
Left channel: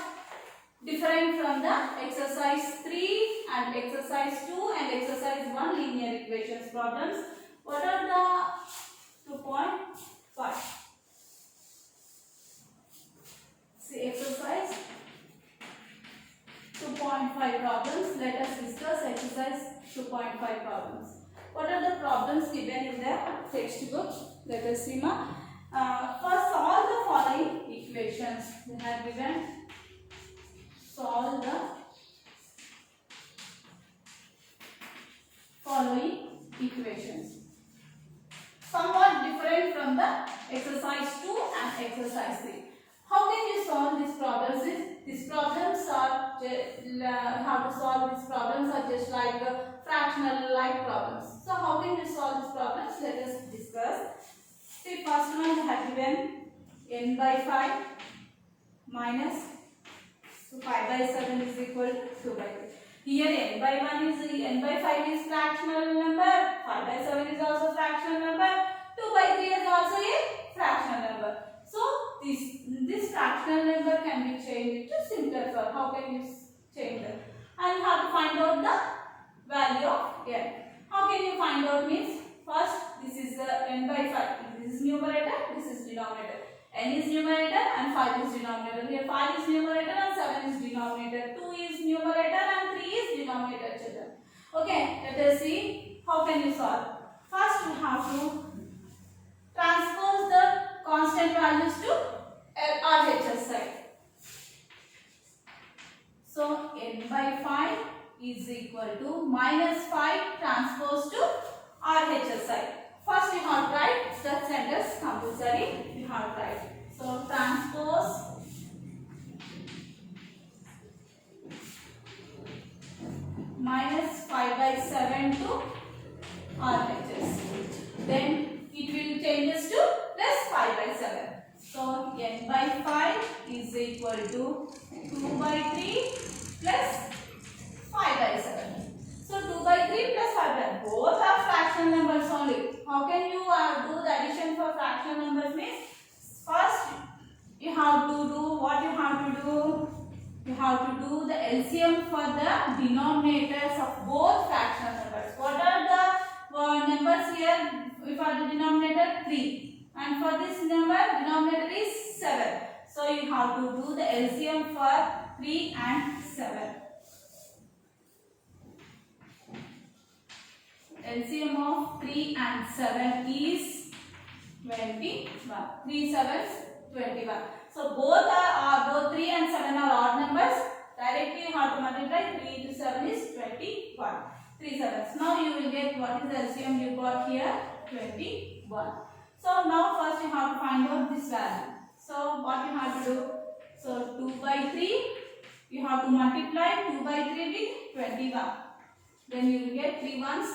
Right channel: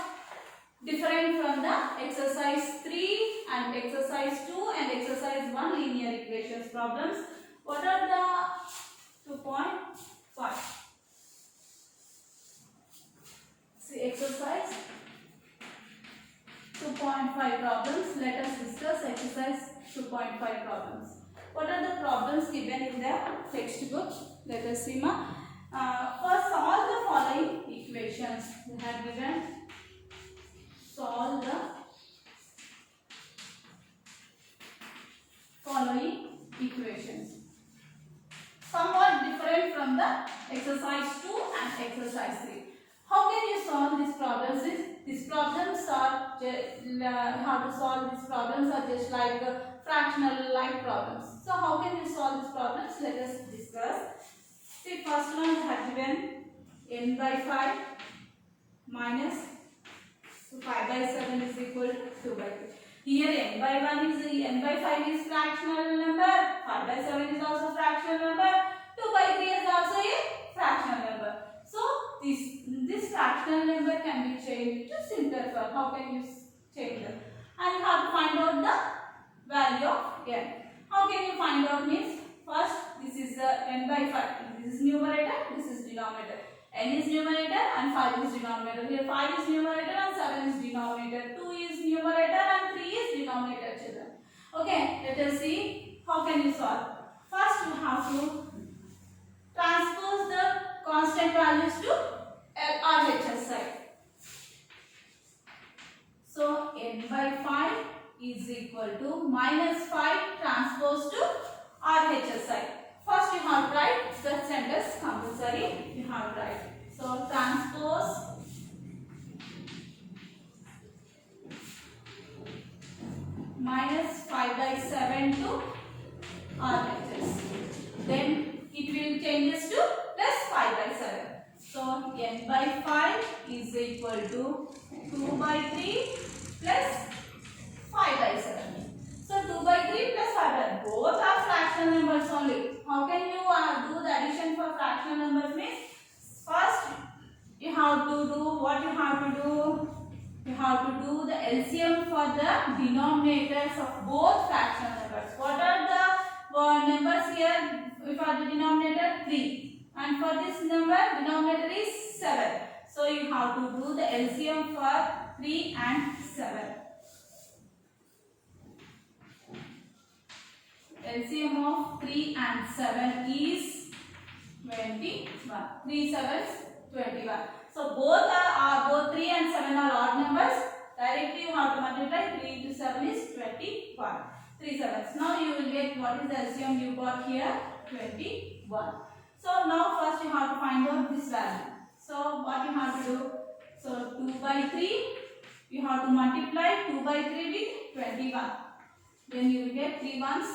different from the exercise 3 and exercise 2 and exercise 1 linear equations problems. What are the 2.5? See, exercise 2.5 problems. Let us discuss exercise 2.5 problems. What are the problems given in the textbook? Let us see. First, solve the following equations. They have given. Solve the following equations. Somewhat different from the exercise 2 and exercise 3. How can you solve these problems? These problems are how to solve these problems are just like fractional like problems. So how can you solve these problems? Let us discuss. See, first one we have given n by 5 minus 5 by 7 is equal to 2 by 3. Here n by 1 is n by 5 is fractional number, 5 by 7 is also fractional number, 2 by 3 is also a fractional number. So this fractional number can be changed to simpler form. How can you change them? And you have to find out the value of n. How can you find out means, first this is n by 5. This is numerator, this is denominator. N is numerator and 5 is denominator. Here 5 is numerator and 7 is denominator. 2 is numerator and 3 is denominator, children. Okay, let us see how can you solve. First we have to transpose the constant values to RHS side. So n by 5 is equal to minus 5 transpose to RHS side. First you have to write that sentence compulsory. You have to write. So transpose minus 5 by 7 to RHS. Then it will changes to plus 5 by 7. So n by 5 is equal to 2 by 3 plus 5 by 7. So 2 by 3 plus 5 by 7. Both are fractional numbers only. How can you do the addition for fractional numbers means? First, you have to do what you have to do. You have to do the LCM for the denominators of both fractional numbers. What are the numbers here? For the denominator 3, and for this number denominator is 7. So you have to do the LCM for 3 and 7. LCM of 3 and 7 is 21. 3 7 21. So both 3 and 7 are odd numbers. Directly you have to multiply. 3 into 7 is 21. 3 7s. Now you will get what is the LCM you got here? 21. So now first you have to find out this value. So what you have to do? So 2 by 3. You have to multiply 2 by 3 with 21. Then you will get 3 ones.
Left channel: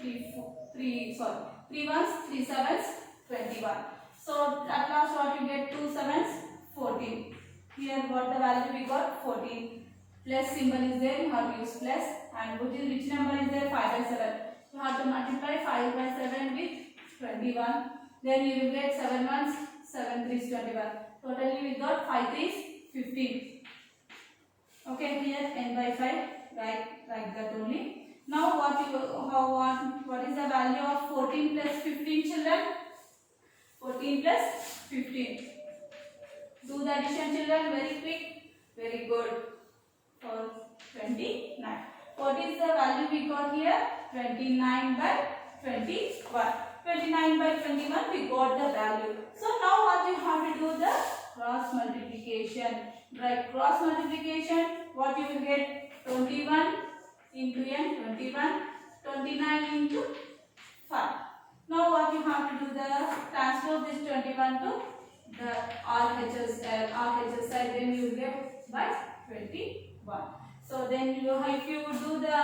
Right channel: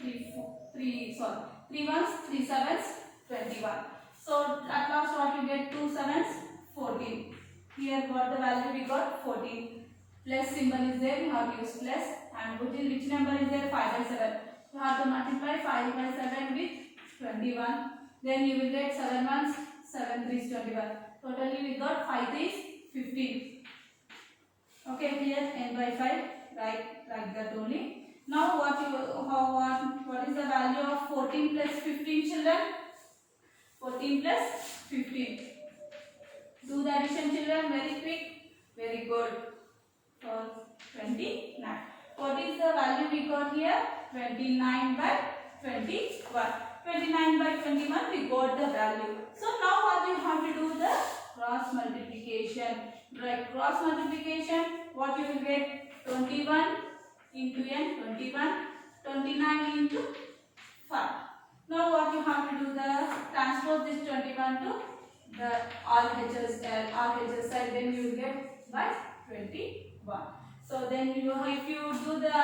3 ones, 3 sevens, 21. So at last what you get? 2 sevens, 14. Here what the value we got? 14. Plus symbol is there, you have to use plus. And which number is there? 5 by 7. You have to multiply 5 by 7 with 21. Then you will get 7 ones, 7 3s, 21. Totally we got 5 3s, 15. Okay, here n by 5 like that only. Now what is the value of 14 plus 15, children? 14 plus 15. Do the addition, children, very quick. Very good. For 29. What is the value we got here? 29 by 21. 29 by 21 we got the value. So now what we have to do, the cross multiplication. Right, cross multiplication, what you will get? 21 into n, 21, 29 into 5. Now what you have to do, the transpose this 21 to the RHS side, then you will get by 21. So then if you do the,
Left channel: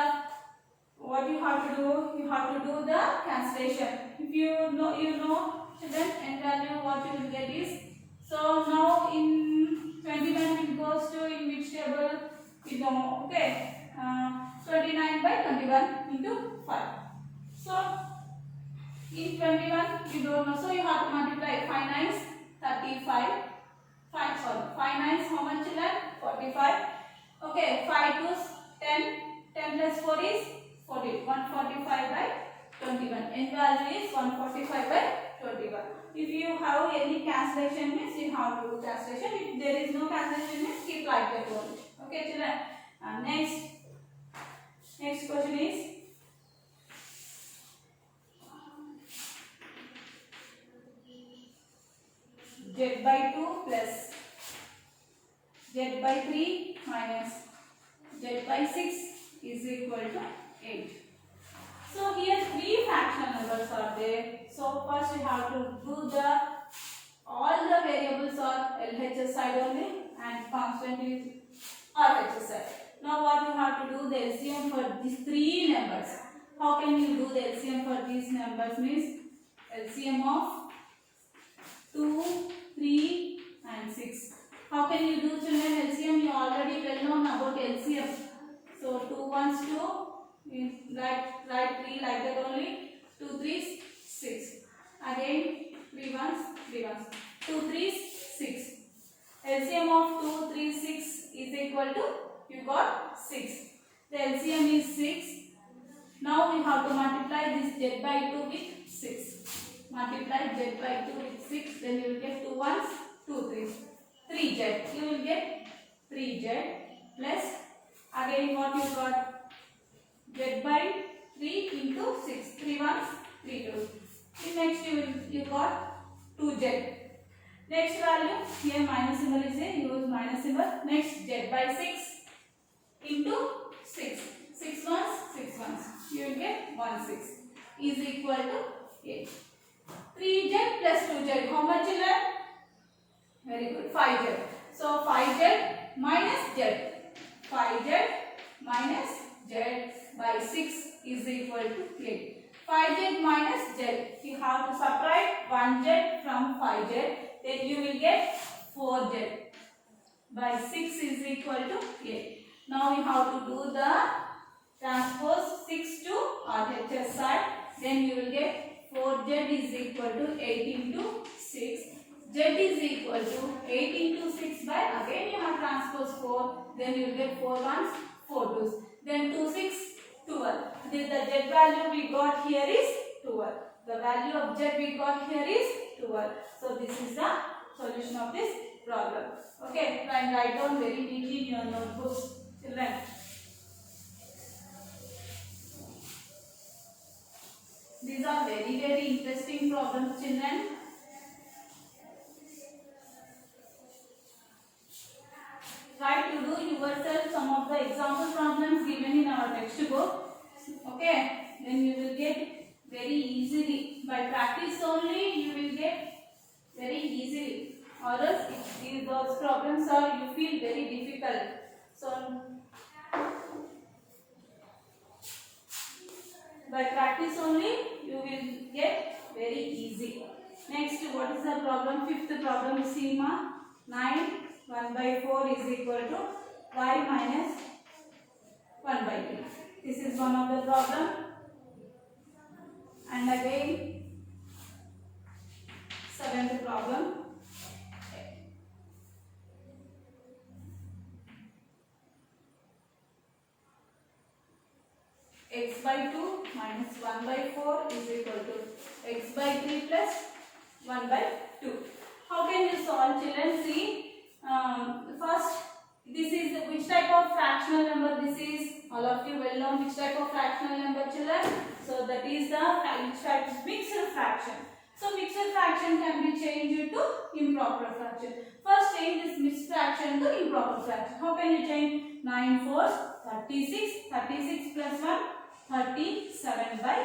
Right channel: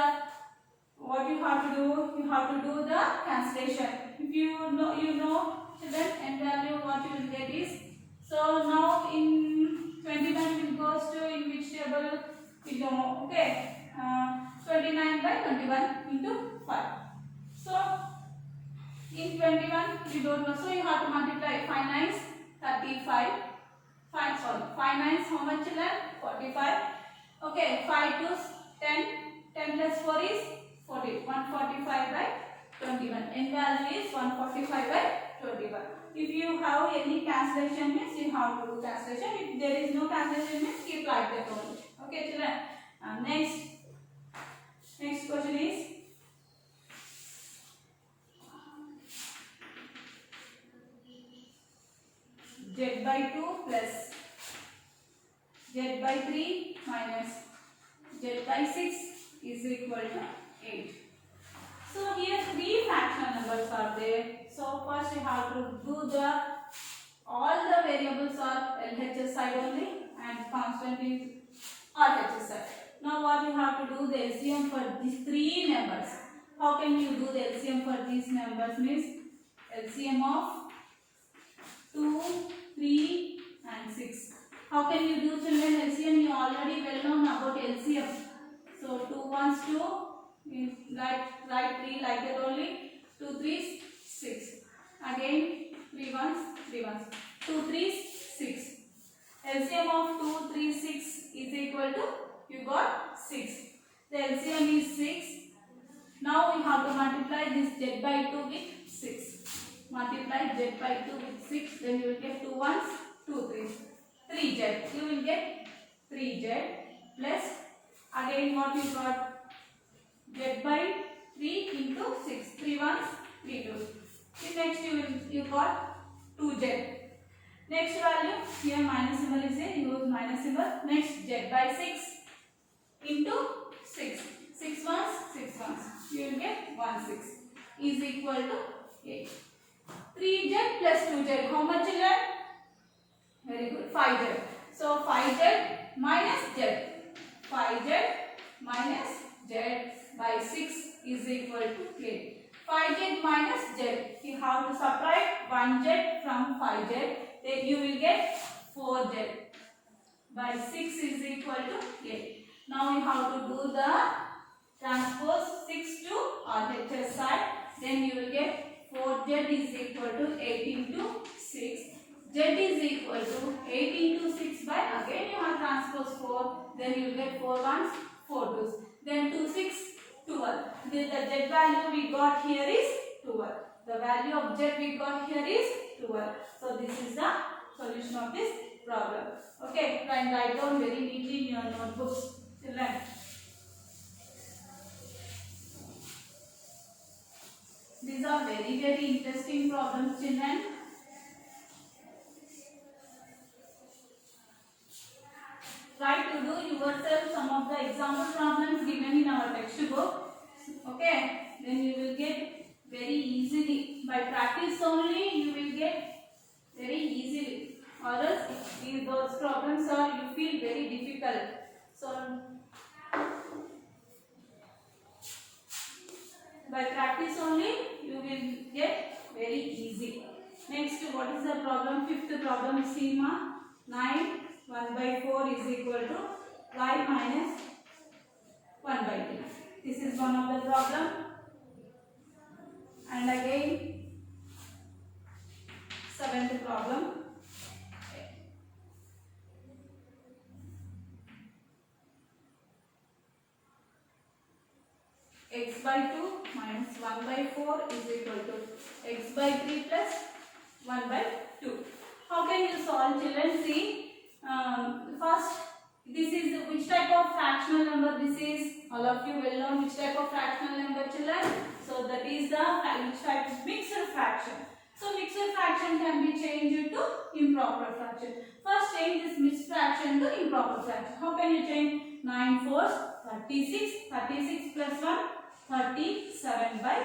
what you have to do, you have to do the translation. If you know then n value what you will get is, so now in 21 it goes to in which table you know, okay, 29 by 21 into 5. So in 21 you don't know, so you have to multiply 5 nines 35, 5 nines how much, children? 45. Okay, 5 2s 10, 10 plus 4 is 40, 145 by 21. N value is 145 by 21. If you have any cancellation means you have to do cancellation. If there is no cancellation means keep like that only. Okay, children. Next question is z by 2 plus z by 3 minus z by 6 is equal to 8. So here three fractional numbers are there. So first you have to do the all the variables are LHS side only and constant is RHS side. Now what you have to do, the LCM for these three numbers. How can you do the LCM for these numbers means LCM of 2, 3 and 6. How can you do, children, LCM? You already well known about LCM. So 2 1s 2, write 3 like that only. 2 3s 6. Again 3 1s 3 1s. 2 3s 6. LCM of 2 3 6 is equal to, you got 6. The LCM is 6. Now we have to multiply this z by 2 with 6. Multiply z by 2 with 6, then you will get 2 1s 2 3s. 3z. You will get 3z plus, again what you got, z by 3 into 6. 3 1s 3 2s. Next you got 2z. Next value, here minus symbol is there, use minus symbol. Next z by 6 into 6. 6 1s 6 1s. You will get 1 6 is equal to 8. 3z plus 2z, how much, children? Very good, 5z. So 5z minus z. 5z minus z by 6 is equal to 8. 5z minus z. You have to subtract 1z from 5z. Then you will get 4z by 6 is equal to 8. Now you have to do the transpose 6 to RHS side. Then you will get 4z is equal to 8 into 6. Z is equal to 8 into 6 by, again you have transpose 4. Then you will get 4 1s 4 2s. Then 2 6 12. The z value we got here is 12. The value of z we got here is 12. So this is the solution of this problem. Okay, write down very neatly in your notebooks, children. These are very interesting problems, children. Try to do yourself some of the example problems given in our textbook. Okay, then you will get very easily. By practice only you will get very easily. Or else if those problems are, you feel very difficult. So by practice only you will get very easy. Next, what is the problem? Fifth problem, Seema. 9 1 by 4 is equal to y minus 1 by 2. This is one of the problem. And again, seventh problem. x by 2 minus 1 by 4 is equal to x by 3 plus 1 by 2. How can you solve, children? See, first, this is which type of fractional number this is? All of you well know which type of fractional number, children. So that is the which type of mixed fraction. So mixed fraction can be changed to improper fraction. First change this mixed fraction to improper fraction. How can you change? 9 4 36. 36 plus 1 37 by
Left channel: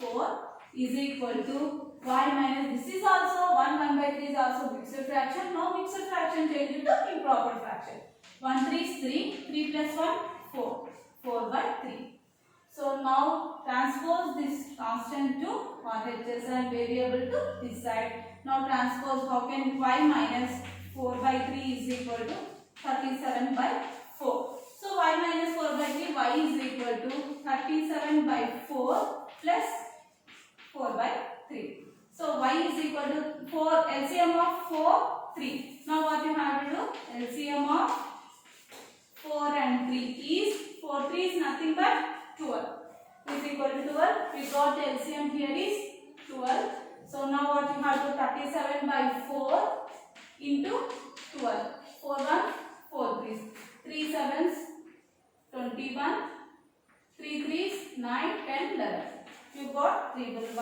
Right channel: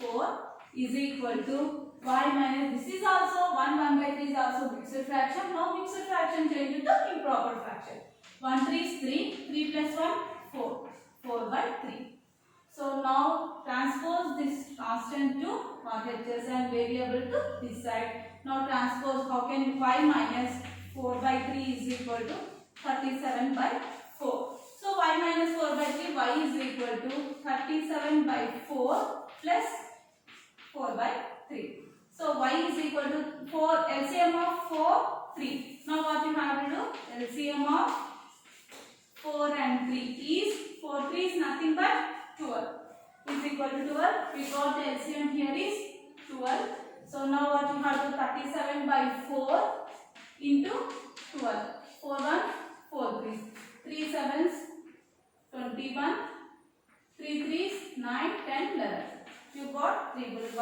4 is equal to y minus, this is also 1 by 3 is also mixed fraction. Now mixed fraction change to improper fraction. 1 3 is 3. 3 plus 1 4. 4 by 3. So now transpose this constant to RHS and variable to this side. Now transpose, how can y minus 4 by 3 is equal to 37 by 4. So y minus 4 by 3, y is equal to 37 by 4 plus 4 by 3. So y is equal to 4, LCM of 4, 3. Now what you have to do? LCM of 4 and 3 is, 4 3 is nothing but 12 is equal to 12. We got the LCM here is 12. So now what you have to, 37 by 4 into 12. 4 1, 4 3s. 3 7s, 21. 3 3s, 9, 10, 11. You got 3 1,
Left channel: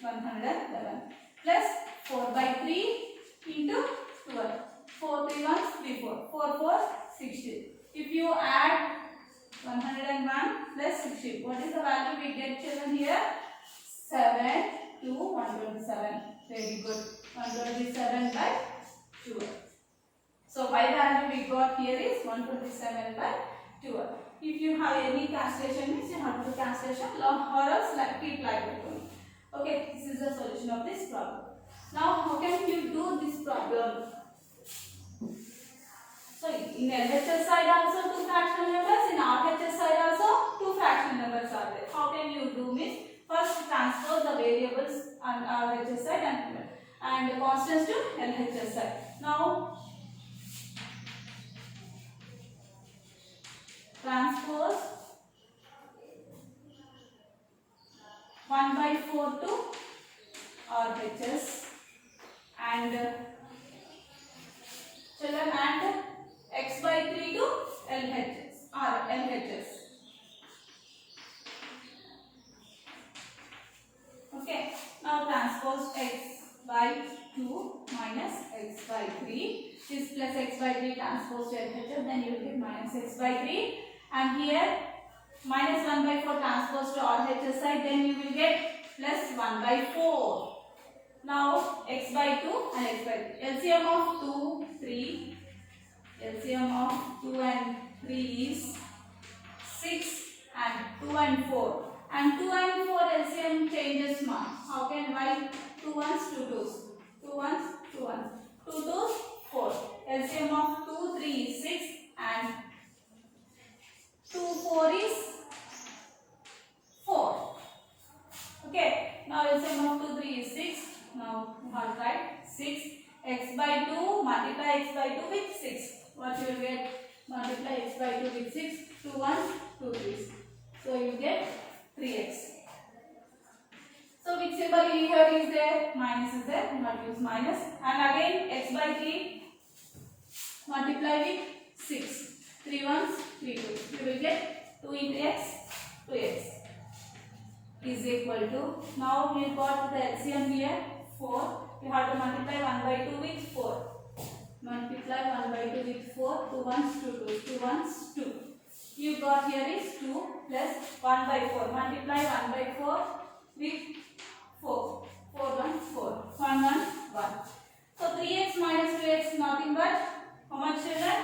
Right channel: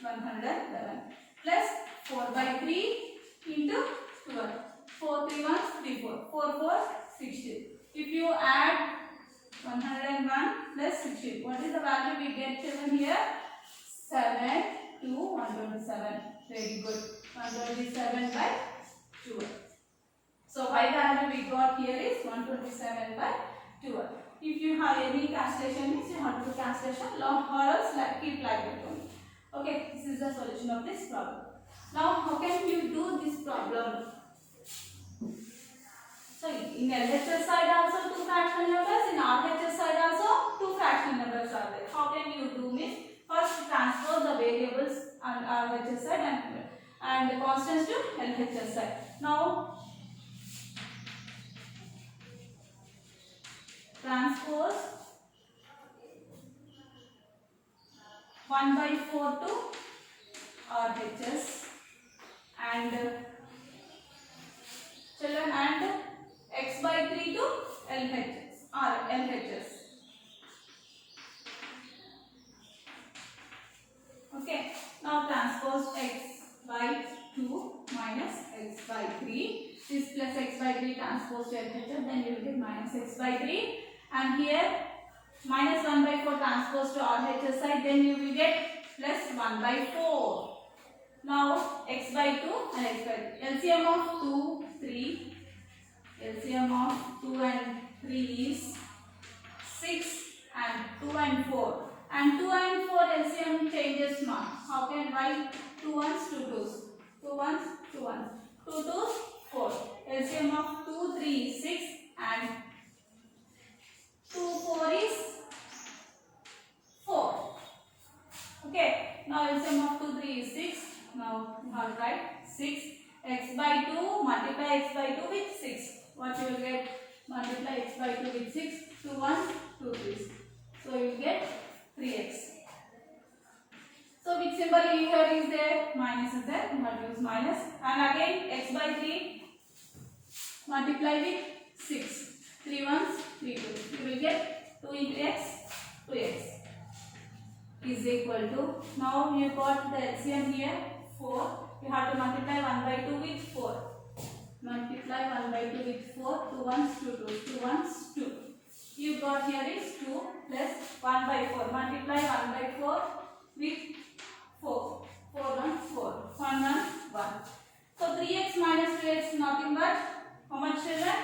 111. Plus 4 by 3 into 12. 4 3 1, 3 4. 4 4, 60. If you add 101 plus 60. What is the value we get, children, here? 7 to 127. Very good. 127 by 12. So y value we got here is 127 by 12. If you have any cancellation, means you have to do cancellation or else keep like that only. Okay, this is the solution of this problem. Now how can you do this problem? Sorry, in LHS side also 2 fractional numbers, in RHS side also 2 fractional numbers are there. How can you do means, first transpose the variables on RHS side and the constants to LHS side. Now transpose 1 by 4 to RHS and children and x by 3 to LHS. Okay, now transpose x by 2 minus x by 3. This plus x by 3 transpose to LHS, then you will get minus x by 3. And here minus 1 by 4 transpose to RHS side, then you will get plus 1 by 4. Now x by 2 and x by 3. LCM of 2, 3. LCM of 2 and 3 is 6 and 2 and 4. And 2 and 4 LCM changes not. How can y? 2 ones, 2 twos. 2 ones, 2 ones. 2 twos, 4. LCM of 2, 3 is 6 and 2, 4 is 4. Okay. Now LCM of 2, 3 is 6. Now you have to write 6. X by 2 multiply x by 2 with 6. What you will get? Multiply x by 2 with 6. 2 1s, 2 3s. So you will get 3x. So which symbol in here is there? Minus is there. You have to use minus. And again x by 3 multiply with 6. 3 1s, 3 2s. You will get 2 into x, 2x is equal to. Now you got the LCM here 4. You have to multiply 1 by 2 with 4. Multiply 1 by 2 with 4. 2 1s, 2 2s. 2 1s, 2. You got here is 2 plus 1 by 4. Multiply 1 by 4 with 4. 4 1, 4. 1 1, 1. So 3x minus 2x nothing but how much, children?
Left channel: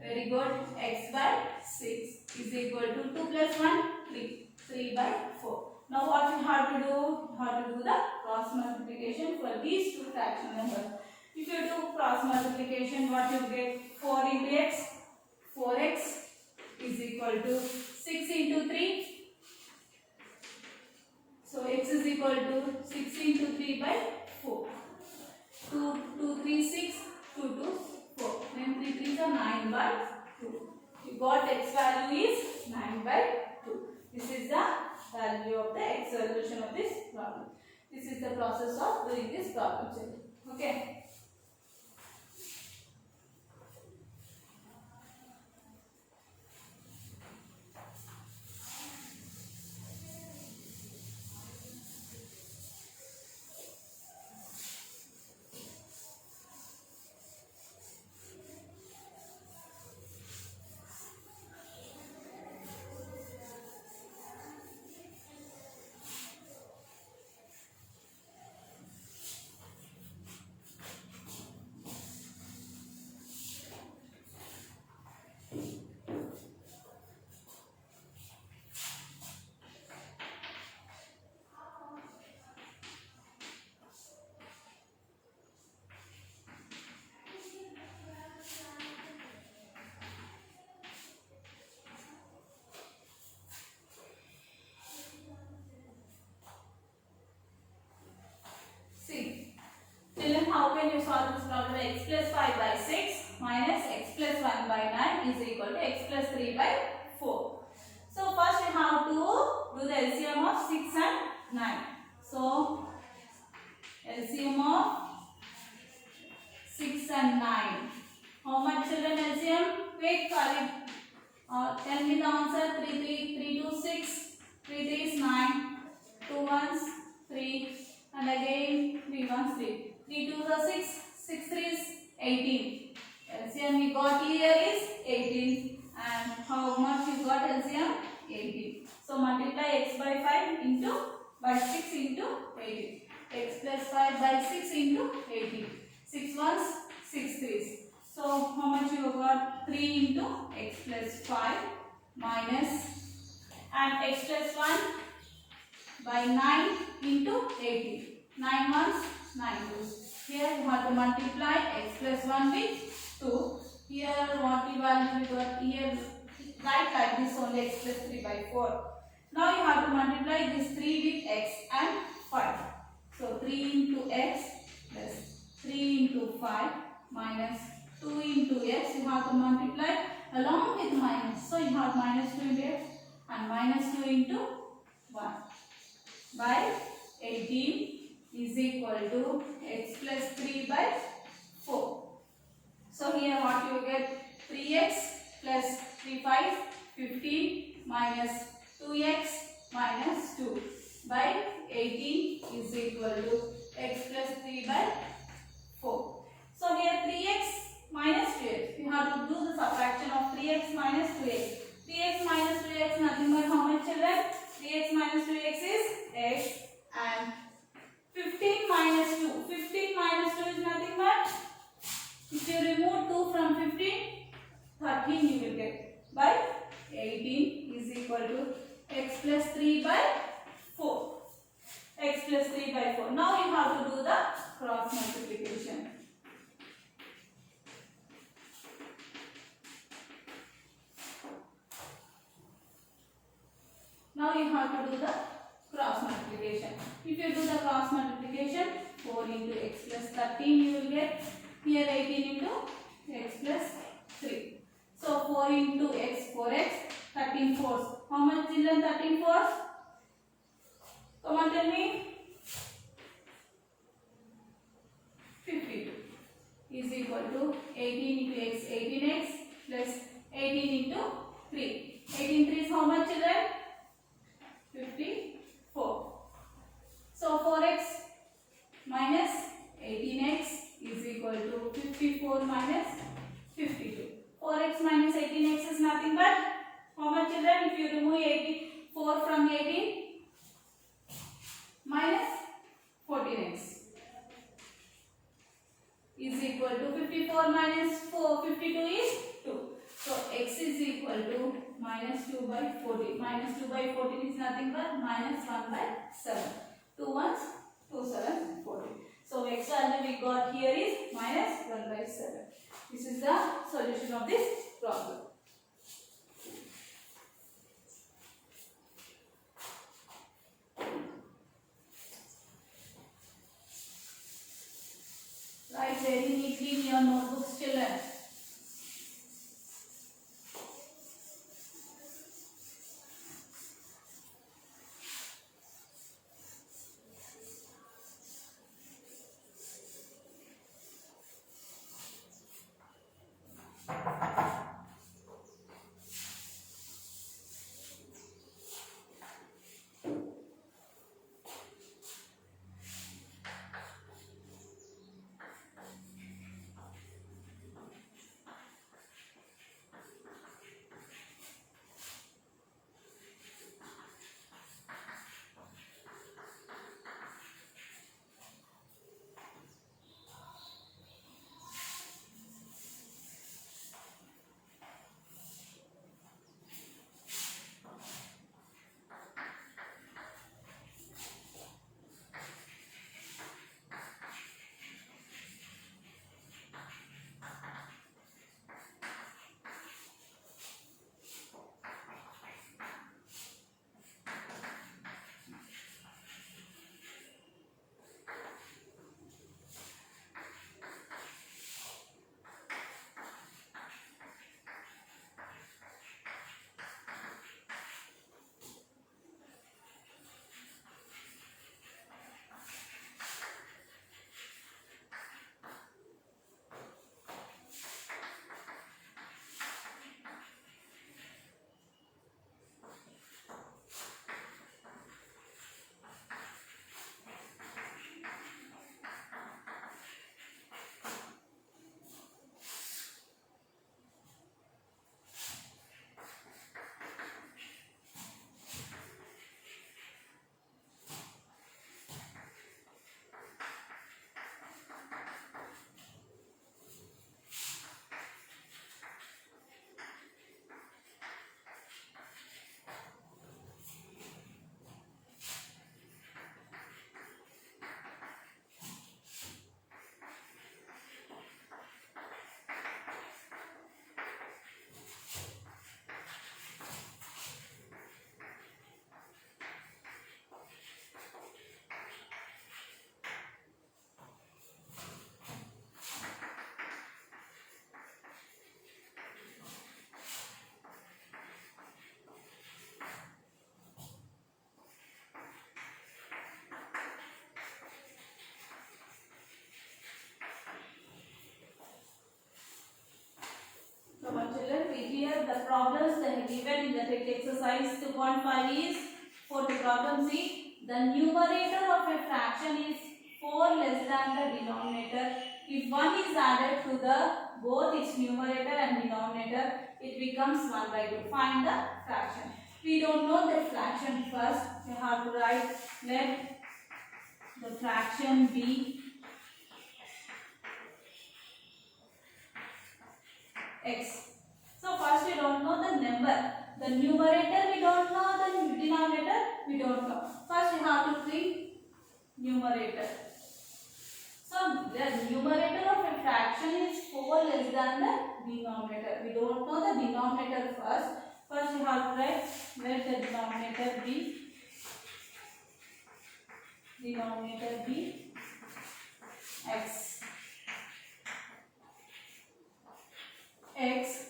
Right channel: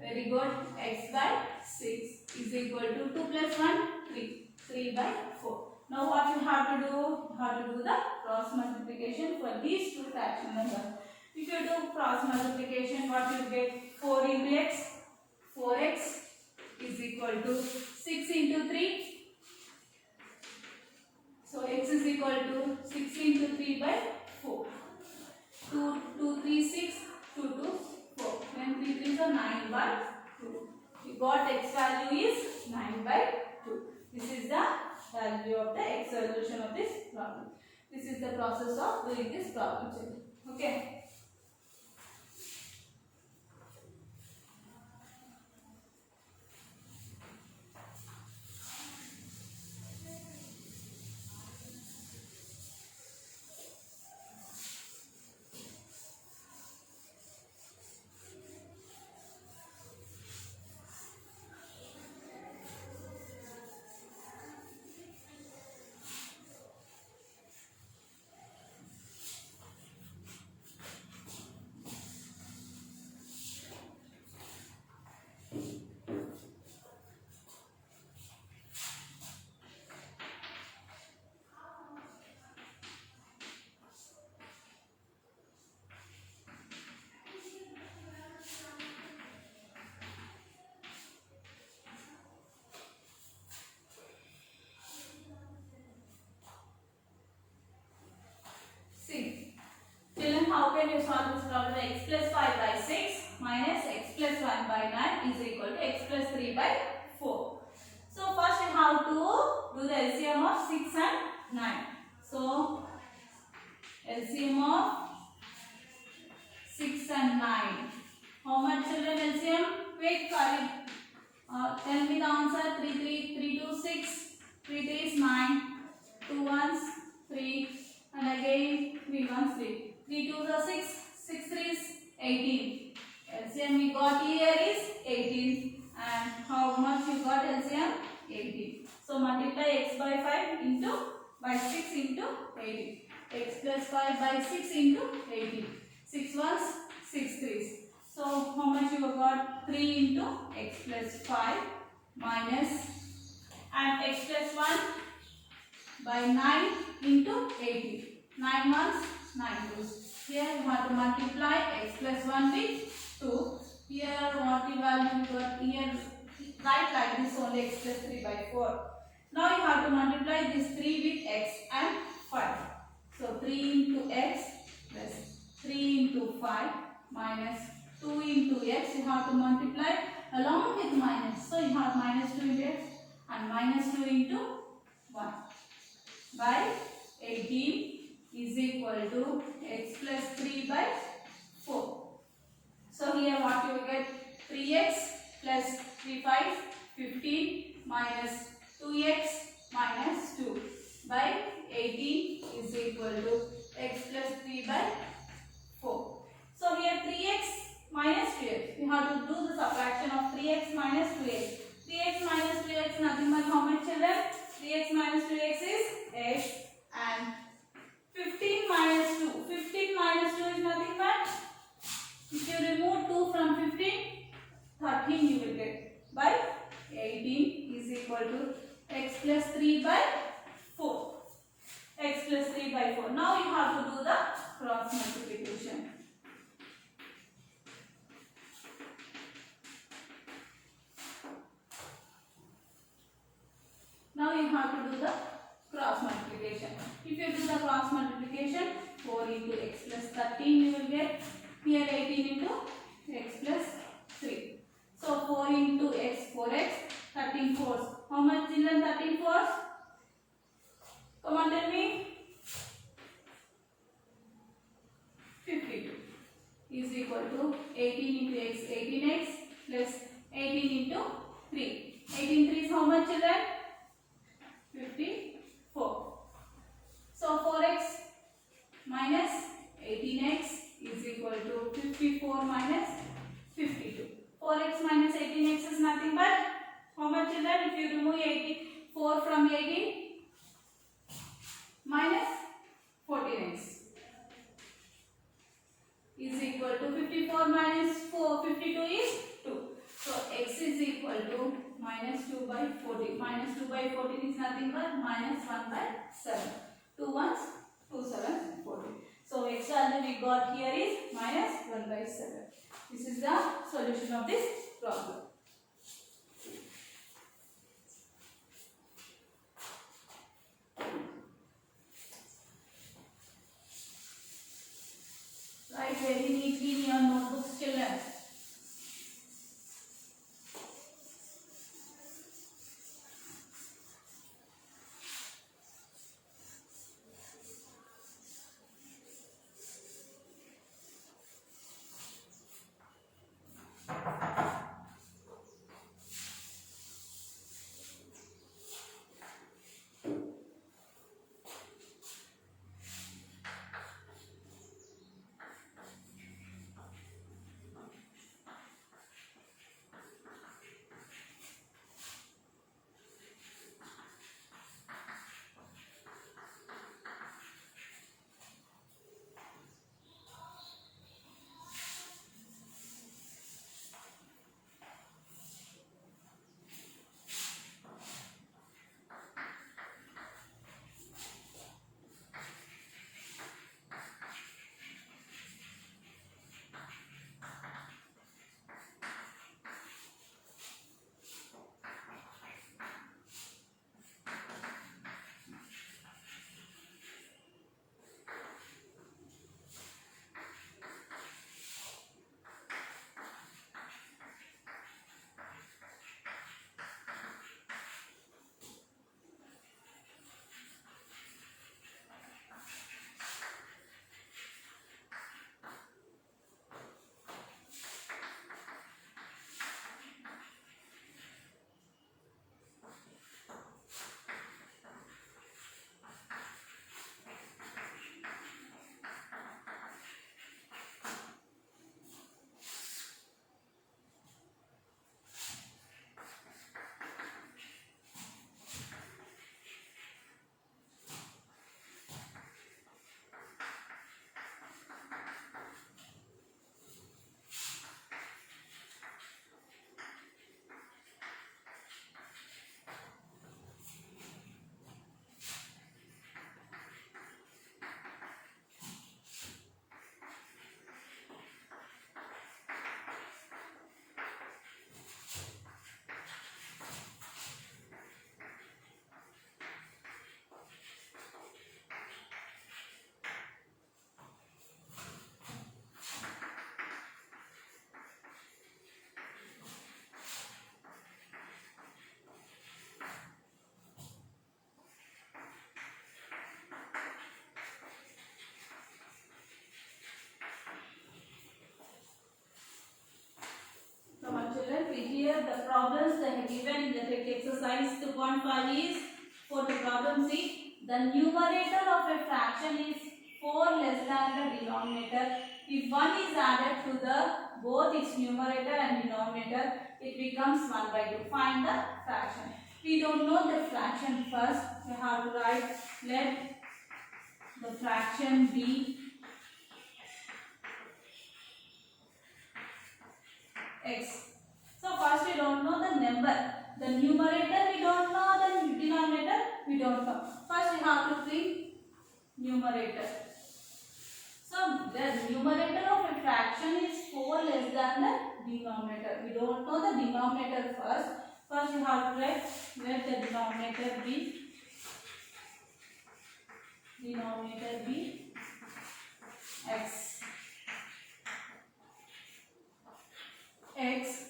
Very good. X by 6 is equal to 2 plus 1, 3. 3 by 4. Now what you have to do? You have to do the cross multiplication for these two fractional numbers. If you do cross multiplication, what you get? 4 into x. 4x is equal to 6 into 3. So x is equal to 6 into 3 by 4. 2, 2, 3, 6. 2, 2, 4. Then 3, 3 are 9 by 2. You got x value is 9 by 2. This is the problem. This is the process of doing this problem, children. Okay. Children, how can you solve this problem? X plus 5 by 6 minus x plus 1 by 9 is equal to x plus 3 by 4. So first we have to do the LCM of 6 and 9. So LCM of 6 and 9. How much, children, LCM? Wait, Khalid. Tell me the answer. 3 2 6. 3 3 is 9. 2 1s 3. And again 3 1s 3. 3 2s are 6. 6 3 is 18. LCM we got here is 18. And how much you got LCM? 18. So multiply x by 5 into by 6 into 18. X plus 5 by 6 into 18. 6 1s 6 3s. So how much you got? 3 into x plus 5 minus and x plus 1 by 9 into 18. 9 1s 9 2s. Here you have to multiply x plus 1 with 2. Here what you value we got here, write like this only, x plus 3 by 4. Now you have to multiply this 3 with x and 5. So 3 into x plus 3 into 5 minus 2 into x. You have to multiply along with minus. So you have minus 2 into x and minus 2 into 1 by 18 is equal to x plus 3 by 4. So here what you get? 3x plus 3 5 15 minus 2x minus 2 by 18 is equal to x plus 3 by 4. So here 3x minus 2x. You have to do the subtraction of 3x minus 2x. 3x minus 2x nothing but how much, children? 3x minus 2x is x and 15 minus 2. 15 minus 2 is nothing but, if you remove 2 from 15, 13 you will get by 18 is equal to x plus 3 by 4. X plus 3 by 4. Now you have to do the cross multiplication. Now you have to do the cross multiplication. If you do the cross multiplication, 4 into x plus 13 you will get. Here 18 into x plus 3. So 4 into x, 4x, 13 fours. How much, children? 13 fours? Come on, tell me. 52 is equal to 18 into x, 18x plus 18 into 3. 18 3 is how much, children? 54. So 4x minus 18x is equal to 54 minus 52. 4x minus 18x is nothing but how much, children? If you remove 4 from 18, minus 14x is equal to 54 minus 52 is 2. So x is equal to minus 2 by 14. Minus 2 by 14 is nothing but minus 1 by 7. 2 1s, 2 7, 14. So x value we got here is minus 1 by 7. This is the solution of this problem. Write very neatly in your notebooks, children. the problems they have given in the exercise 2.5 is for the problem C. The numerator of a fraction is 4 less than the denominator. If 1 is added to the both its numerator and denominator, it becomes 1 by 2. Find the fraction. We don't know the fraction first. You have to write, let the fraction be x. So first we don't know the number. The numerator we don't know, the denominator we don't know. First we have to think numerator. So the numerator of a fraction is 4 less than the denominator. We don't know the denominator first. First we have to write, let the denominator be x. X.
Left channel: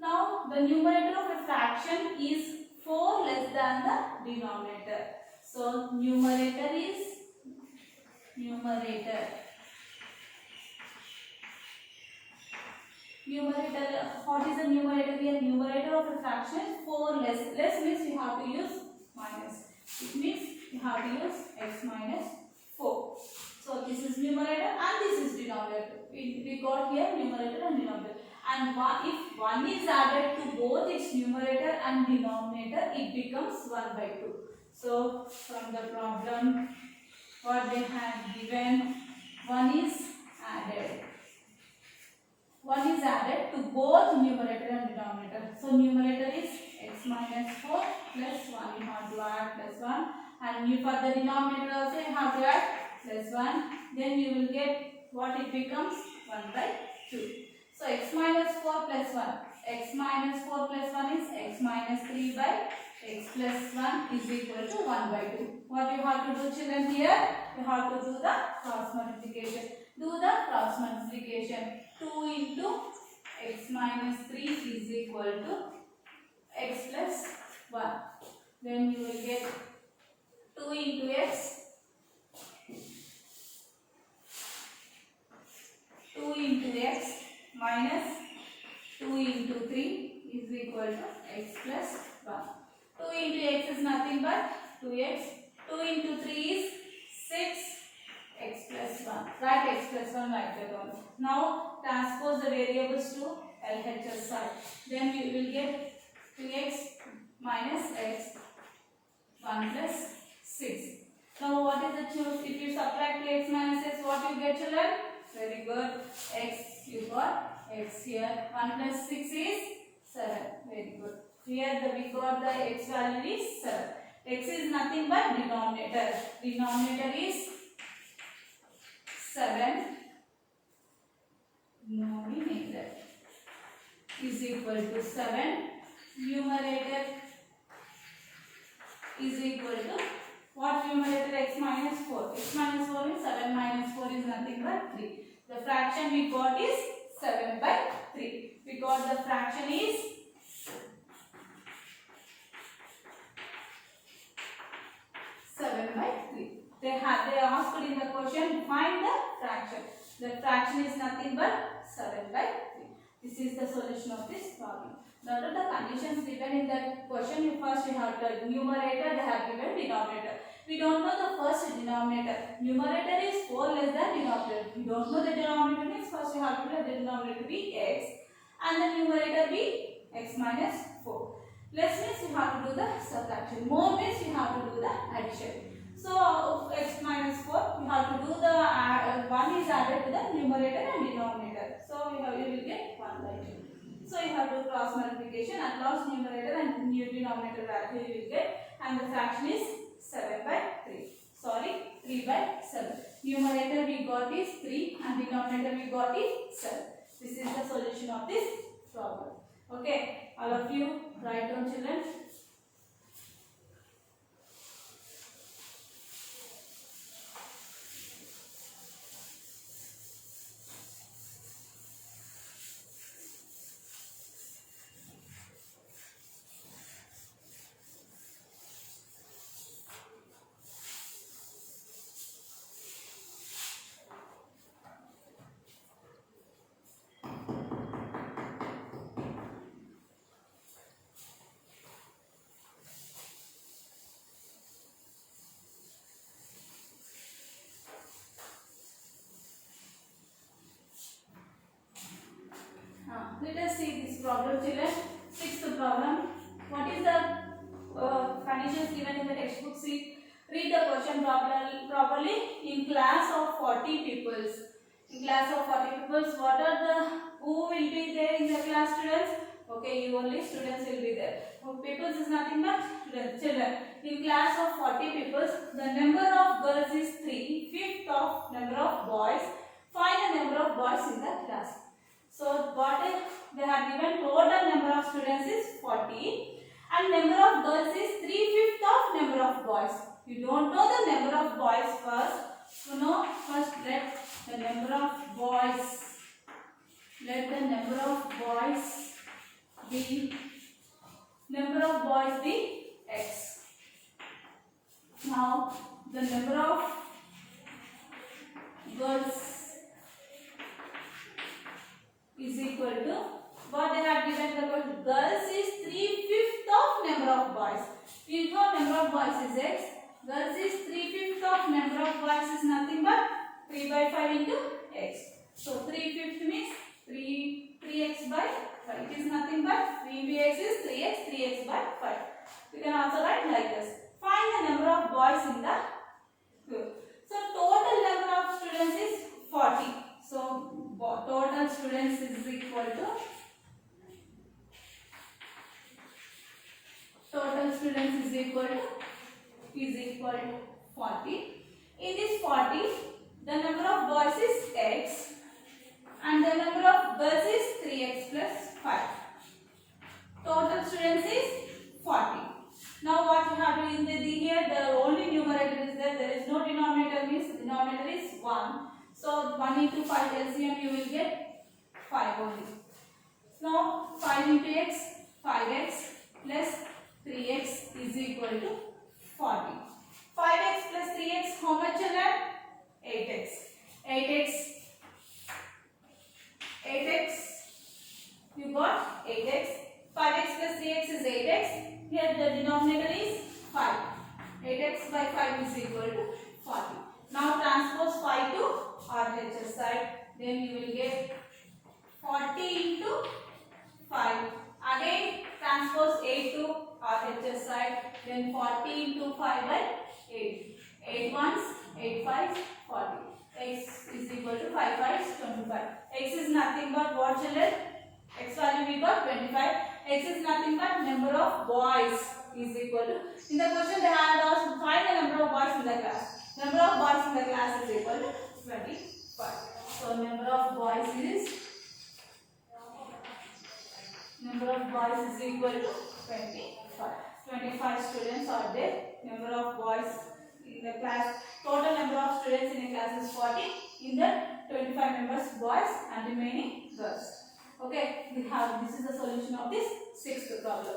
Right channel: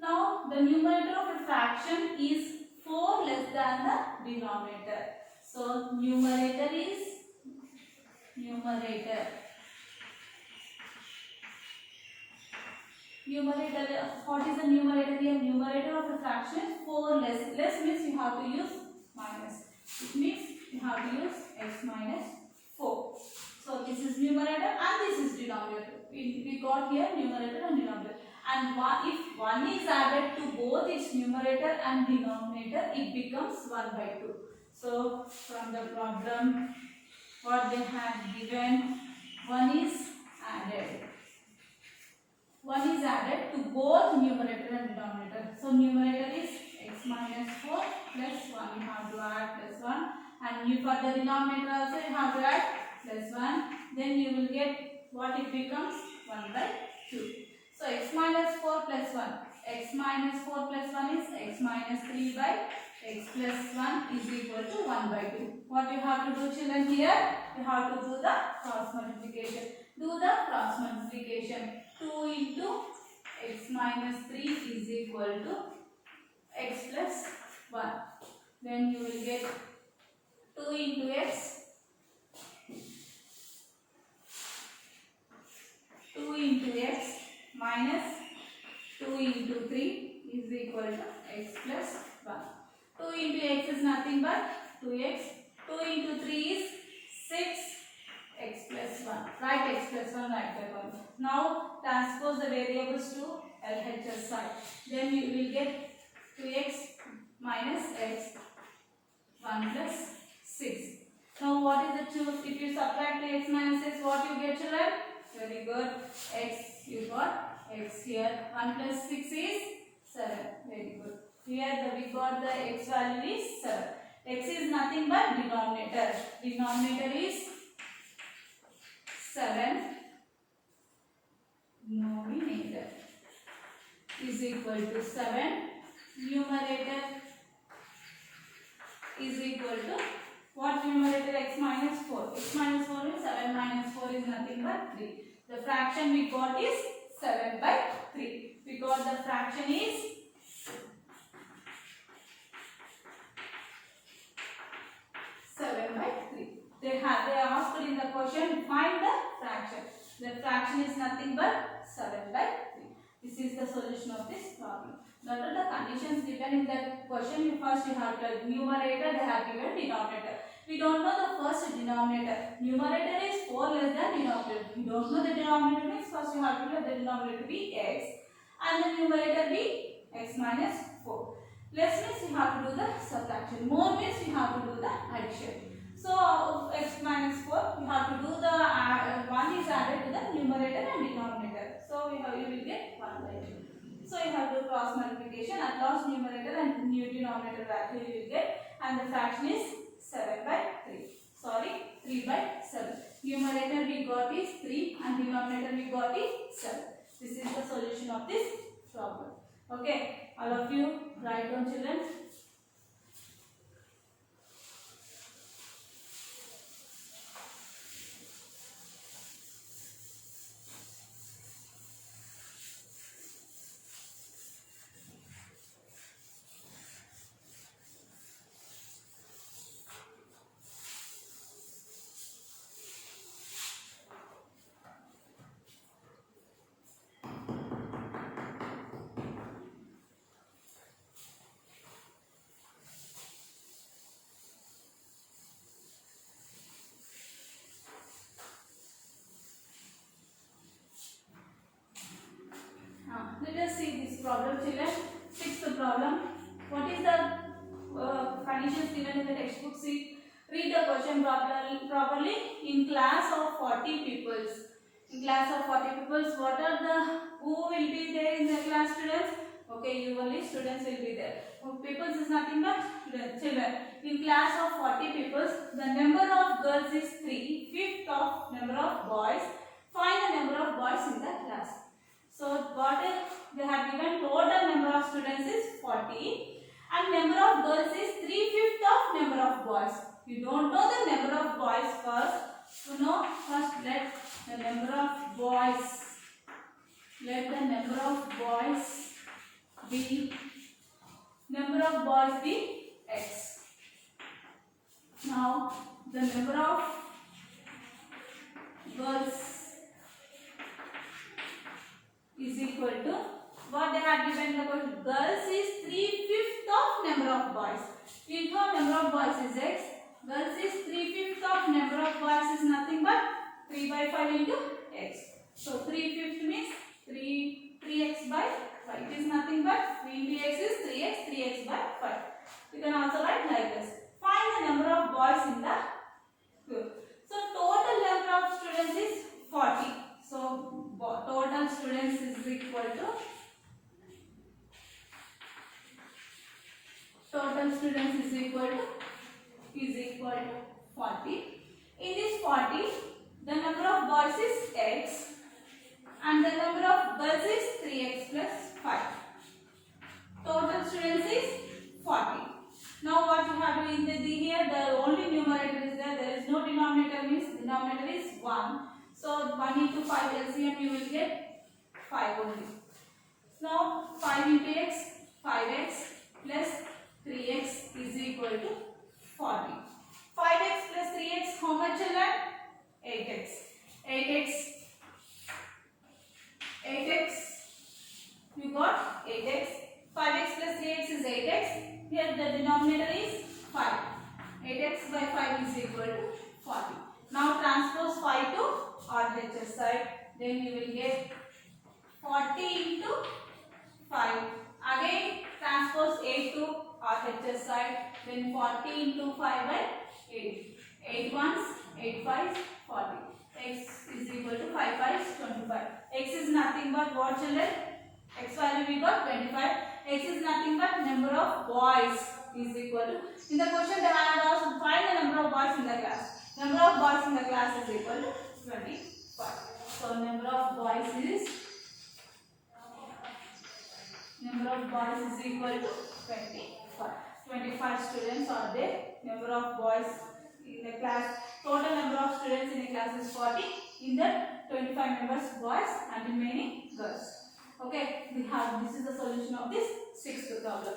Now the numerator of a fraction is 4 less than the denominator. So numerator is numerator. What is the numerator here? Numerator of a fraction is 4 less. Less means you have to use minus. It means you have to use x minus 4. So this is numerator and this is denominator. We got here numerator and denominator. And if 1 is added to both its numerator and denominator, it becomes 1 by 2. So from the problem, what they have given, 1 is added. 1 is added to both numerator and denominator. So numerator is x minus 4 plus 1. You have to add plus 1. And you for the denominator also you have to add plus 1. Then you will get what it becomes 1 by 2. So x minus 4 plus 1. X minus 4 plus 1 is x minus 3 by x plus 1 is equal to 1 by 2. What you have to do, children, here? You have to do the cross multiplication. Do the cross multiplication. 2 into x minus 3 is equal to x plus 1. Then you will get 2 into x. 2 into x minus 2 into 3 is equal to x plus 1. 2 into x is nothing but 2x. 2 into 3 is 6 x plus 1. Write x plus 1 like that one. Now transpose the variables to LHS side. Then we will get 2x minus x 1 plus 6. Now what is the choose? If you subtract 2x minus x, what you get, children? Very good. X, you got x here. 1 plus 6 is 7. Very good. Here we got the x value is 7. X is nothing but denominator. Denominator is 7. Denominator is equal to 7. Numerator is equal to what numerator? X minus 4. X minus 4 is 7 minus 4 is nothing but 3. The fraction we got is 7 by 3. We got the fraction is 7 by 3. They asked in the question, find the fraction. The fraction is nothing but 7 by 3. This is the solution of this problem. Now the conditions given in that question, you have to numerator, they have given denominator. We don't know the first denominator. Numerator is 4 less than denominator. We don't know the denominator means first you have to let the denominator be x and the numerator be x minus 4. Less means you have to do the subtraction. More means you have to do the addition. So x minus 4, you have to do the 1 is added to the numerator and denominator. So you will get 1 by 2. So you have to do cross multiplication. At last numerator and new denominator value you will get, and the fraction is 7 by 3. Sorry, 3 by 7. Numerator we got is 3 and denominator we got is 7. This is the solution of this problem. Okay, all of you write down, children. the textbook, see, read the question properly. In class of 40 peoples. In class of 40 peoples, what are the, who will be there in the class, students? Okay, you only students will be there. Peoples is nothing but children. In class of 40 peoples, the number of girls is 3, fifth of number of boys. Find the number of boys in the class. So what they have given, total number of students is 40 and number of girls is 3/5 of number of boys. You don't know the number of boys first. So no, first let the number of boys. Let the number of boys be x. Now the number of girls is equal to what they have given the question. Girls is 3/5 of number of boys. Into number of boys is x. Girls is 3/5 of number of boys is nothing but 3/5 into x. So 3/5 means 3x by 5. It is nothing but 3 into x is 3x by 5. You can also write like this. Find the number of boys in the group. So total number of students is 40. So total students is equal to 40. In this 40, the number of boys is x and the number of girls is 3x plus 5. Total students is 40. Now what you have to do in the here, the only numerator is there. There is no denominator, means denominator is 1. So 1 into 5 LCM you will get 5 only. Now 5 into x, 5x plus 3x is equal to 40. 5x plus 3x, how much children? 8x. 8x. You got 8x. 5x plus 3x is 8x. Here the denominator is 5. 8x by 5 is equal to 40. Now transpose 5 to RHS side. Then you will get 40 into 5. Again transpose 8 to RHS side. Then 40 into 5 by 8. 8 ones, 8 fives, 40. X is equal to 5 fives, 25. X is nothing but what, children? X value we got 25. X is nothing but number of boys is equal to. In the question they had asked, find the number of boys in the class. Number of boys in the class is equal to 25. So number of boys is equal to 25. 25 students are there. Number of boys in the class. Total number of students in the class is 40. In the 25 members boys and remaining girls. Okay, this is the solution of this sixth problem.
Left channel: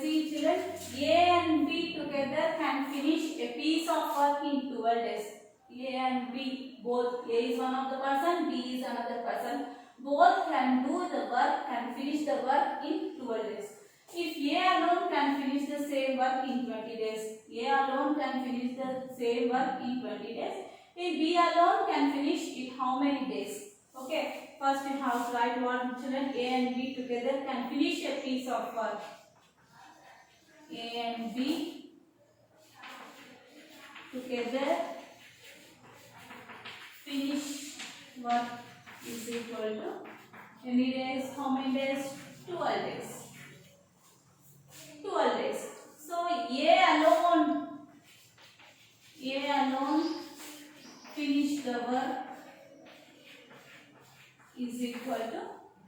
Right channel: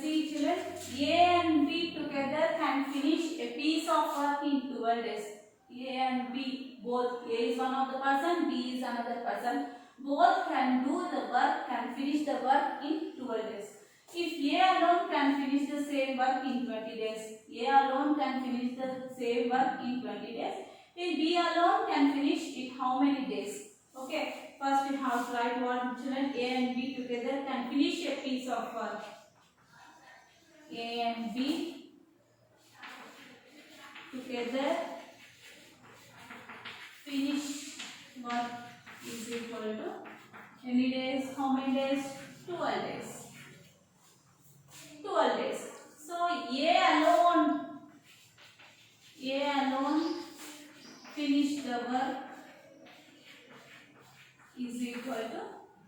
See children, A and B together can finish a piece of work in 12 days. A and B, both A is one of the person, B is another person. Both can do the work, can finish the work in 12 days. If A alone can finish the same work in 20 days, A alone can finish the same work in 20 days. If B alone can finish it how many days? Okay, first we have to write what children A and B together can finish a piece of work. A and B together finish work is equal to any days? How many days? 12 days. 12 days. So A alone finish the work is equal to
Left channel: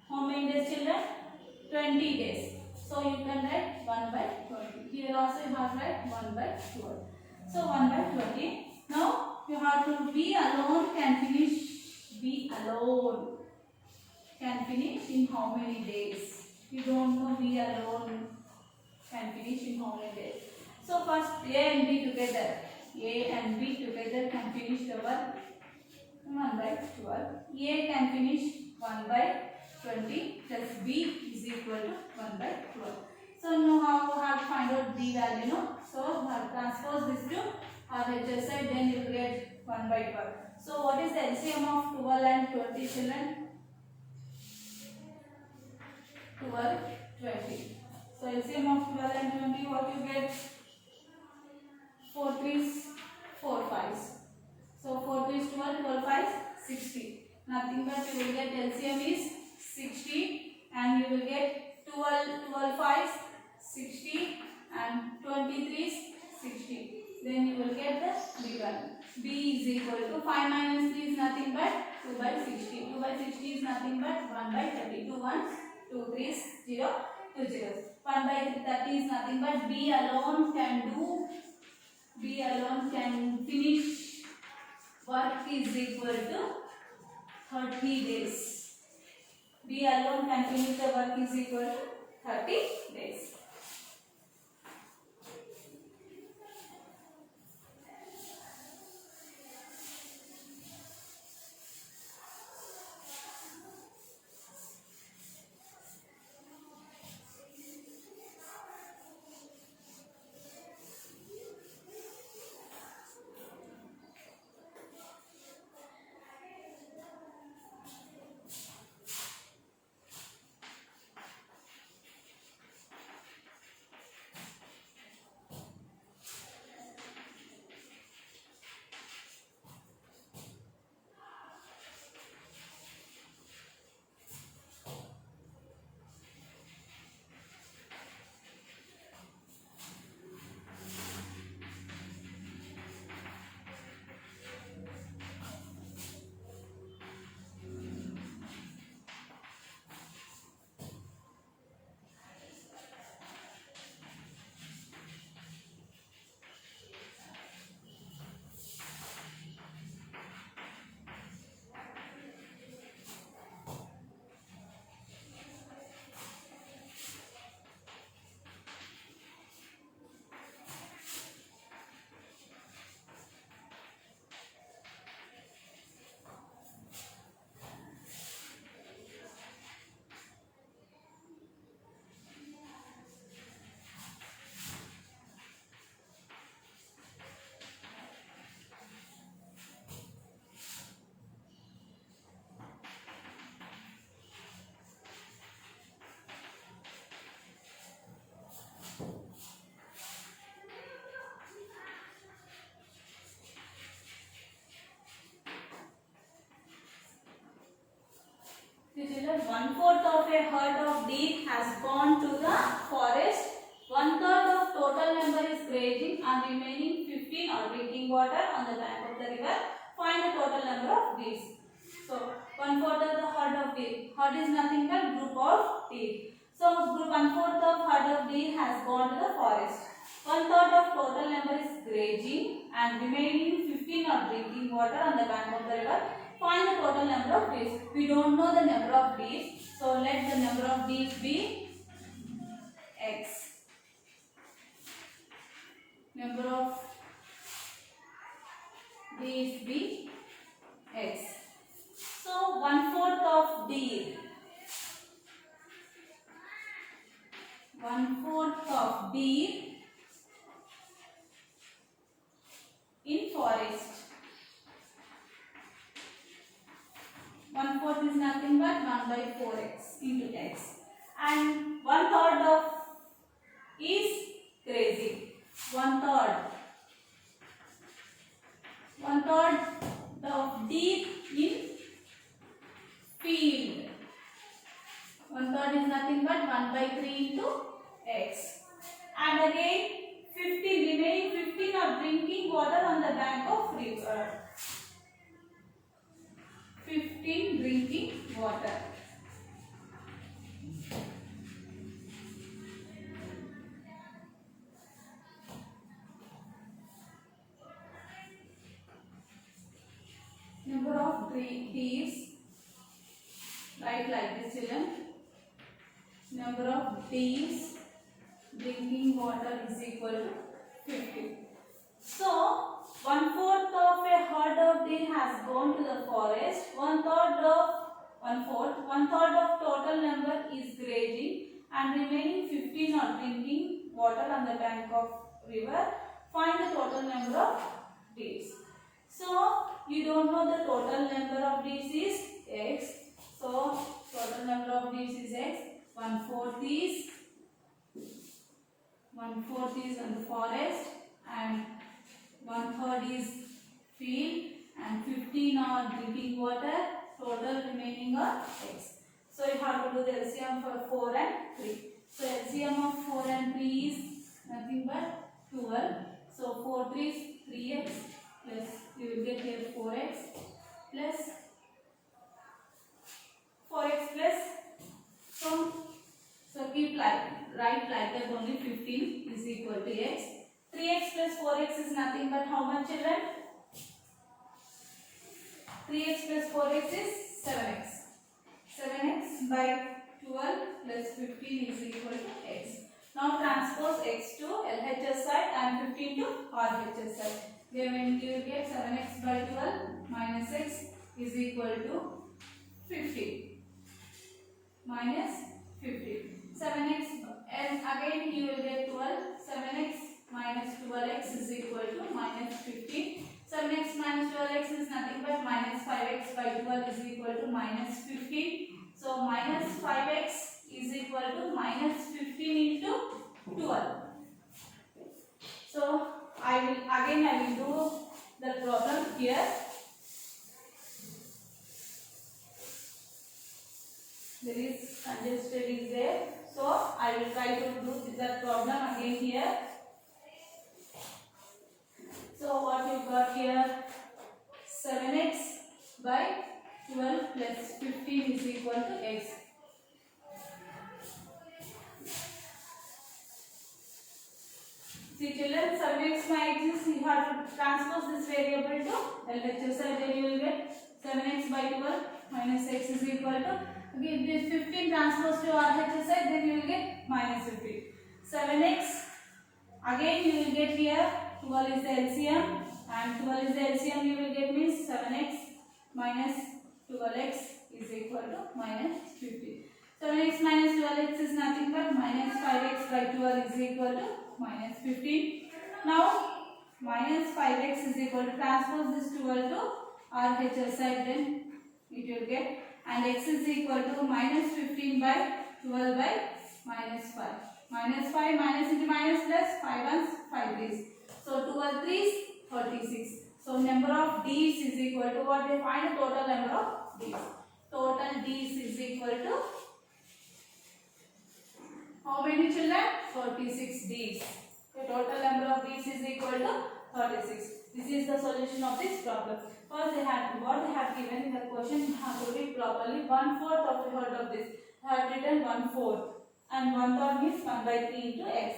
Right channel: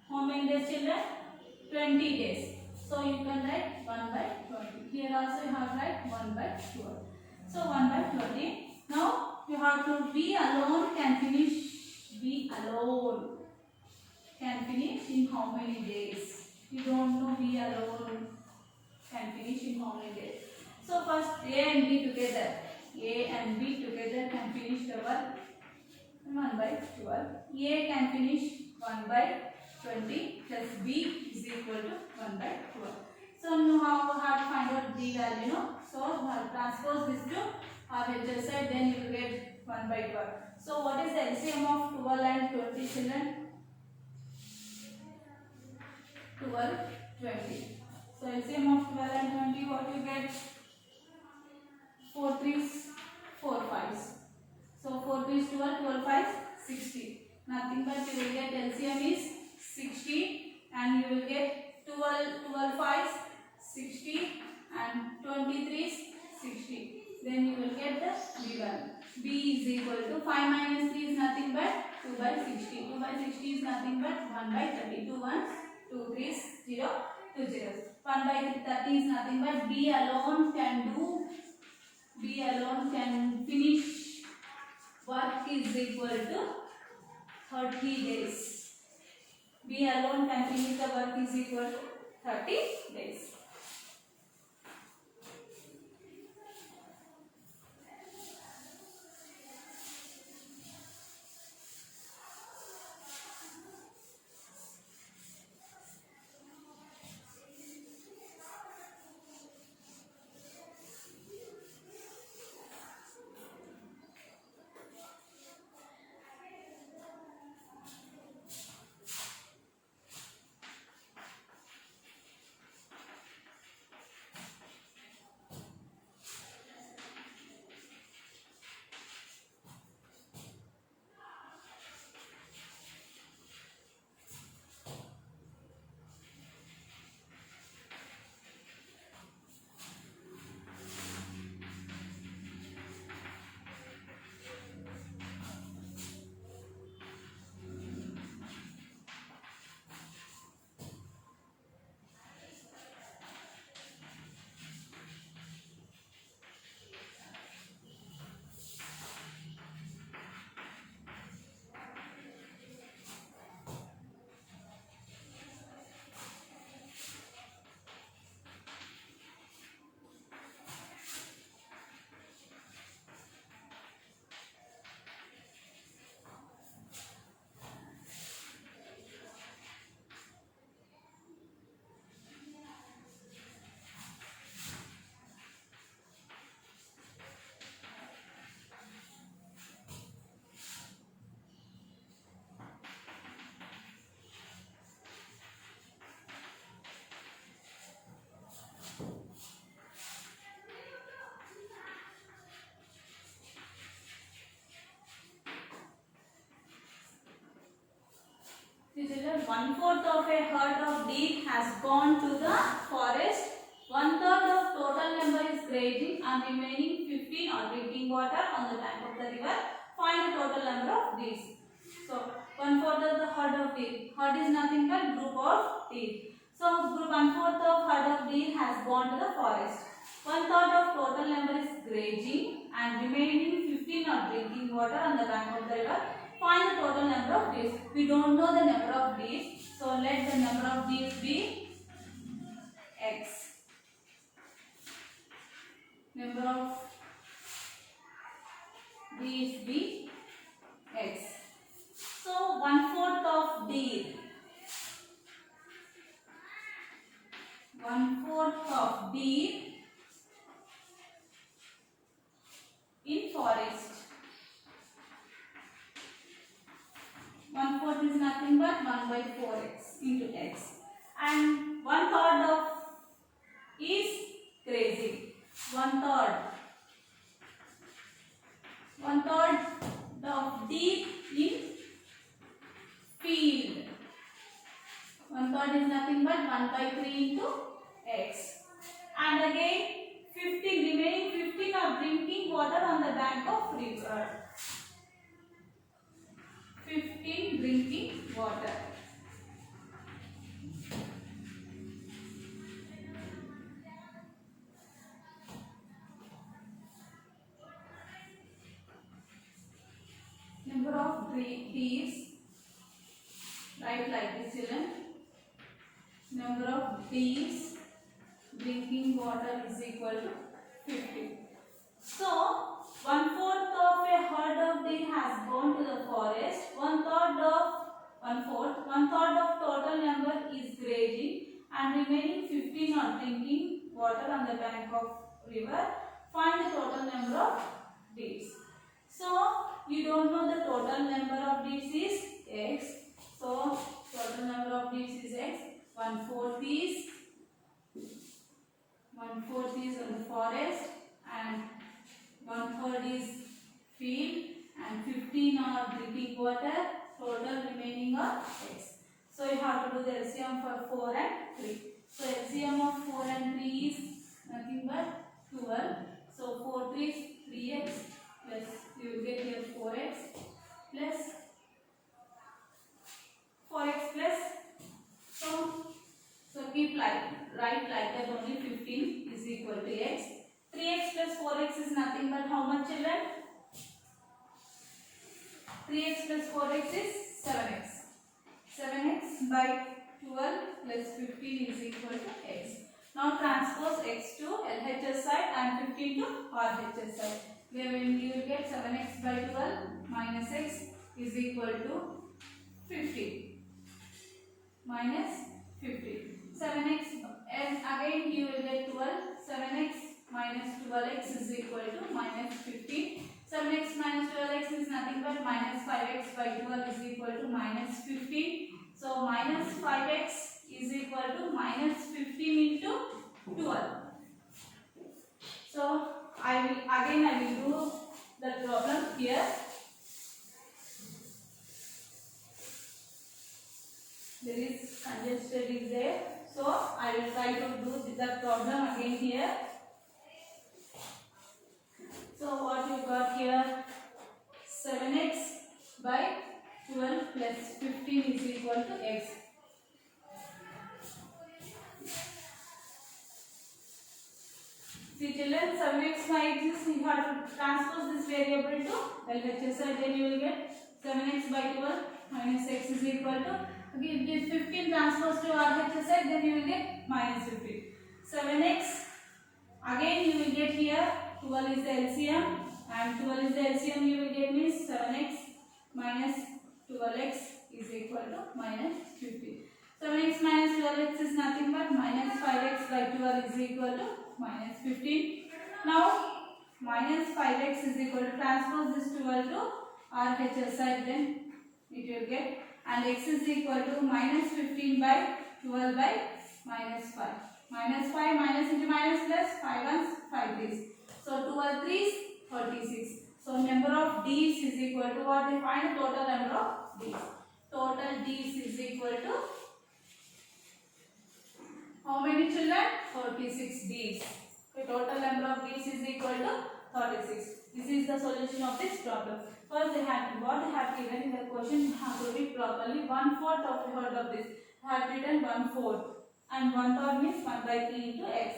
how many days, children? 20 days. So you can write 1 by 20. Here also you have write 1 by 12. So 1 by 20. Now you have to B alone can finish. B alone can finish in how many days? You don't know B alone can finish in how many days. So first A and B together. A and B together can finish the work 1 by 12. A can finish 1 by 20 plus B is equal to 1 by 12. So now how we have to find out B value, no? So we have to transpose this to RHS side, then you will get 1 by 12. So what is the LCM of 12 and 20, children? 12, 20. So LCM of 12 and 20, what you get? 4 3s, 4 5s. So 4 3s 12, 12 5s 60. Nothing but you will get LCM is 60 and you will get 12 5s 60 and 23s 60. Then you will get the B value. B is equal to 5 minus 3 is nothing but 2 by 60. 2 by 60 is nothing but 1 by 30. 2 1s, 2 3s, 0, 2 zeros. 1 by 30 is nothing but B alone can do. B alone can finish work is equal to 30 days. B alone can finish the work is equal to 30 days. Children, 1/4 of a herd of deer has gone to the forest. 1/3 of total number is grazing and remaining 15 are drinking water on the bank of the river. Find the total number of deer. So 1/4 of the herd of deer. Herd is nothing but group of deer. So group 1/4 of herd of deer has gone to the forest. 1/3 of total number is grazing and remaining 15 are drinking water on the bank of the river. Find the total number of bees. We don't know the number of bees, so let the number of bees be x. Number of bees be x. So 1/4 of deer. 1/4 of deer in forest. is nothing but 1 by 4x into x. And 1/3 of is grazing. 1/3. 1/3 of deep in field. 1/3 is nothing but 1 by 3 into x. And again 15, remaining 15 are drinking water on the bank of river. 15 drinking water. Number of thieves, write like this children. Number of thieves drinking water is equal to 50. So 1/4 of a herd of deer has gone to the forest. 1/3 of total number is grazing, and remaining 15 are drinking water on the bank of river. Find the total number of deers. So you don't know the total number of deers is x. So total number of deers is x. 1/4 is on the forest, and 1/3 is field, and 15 are drinking water. Total remaining are x. So you have to do the LCM for 4 and 3. So LCM of 4 and 3 is nothing but 12. So 4 3 is 3x, plus you will get here 4x plus 4x plus so keep right like that, only 15 is equal to x. 3x plus 4x is nothing but how much, children? 3x plus 4x is 7x. 7x by 12 plus 15 is equal to x. Now transpose x to LHS side and 15 to RHS side. When you get 7x by 12 minus x is equal to 50. Minus 50. 7x, and again you will get 12. 7x minus 12x is equal to minus 15. 7x minus 12x is nothing but minus 5x by 12 is equal to minus 15. So minus 5x is equal to minus 15 into 12. So I will do the problem here. There is congested is there. So I will try to do the problem again here. So what you got here, 7x by 12 plus 15 is equal to x. See children, 7x by x is, you have to transpose this variable to LHS side, then you will get 7x by 12 minus x is equal to, okay, this 15 transpose to RHS side, then you will get minus 15. 7x, again you will get here 12 is the LCM, and 12 is the LCM, you will get means 7x minus 12x is equal to minus 50. 7x minus 12x is nothing but minus 5x by 12 is equal to minus 15. Now minus 5x is equal to, transpose this 12 to RHS side, then it will get, and x is equal to minus 15 by 12 by minus 5. Minus 5 minus into minus plus 5 ones 5 threes. So 12 threes 36. So number of D's is equal to what? They find the total number of D's. Total D's is equal to how many children? 36 D's. The total number of D's is equal to 36. This is the solution of this problem. First what they have given in the question, you have to read properly. 1/4 of the whole of this. I have written 1/4, and 1/3 means 1 by 3 into x.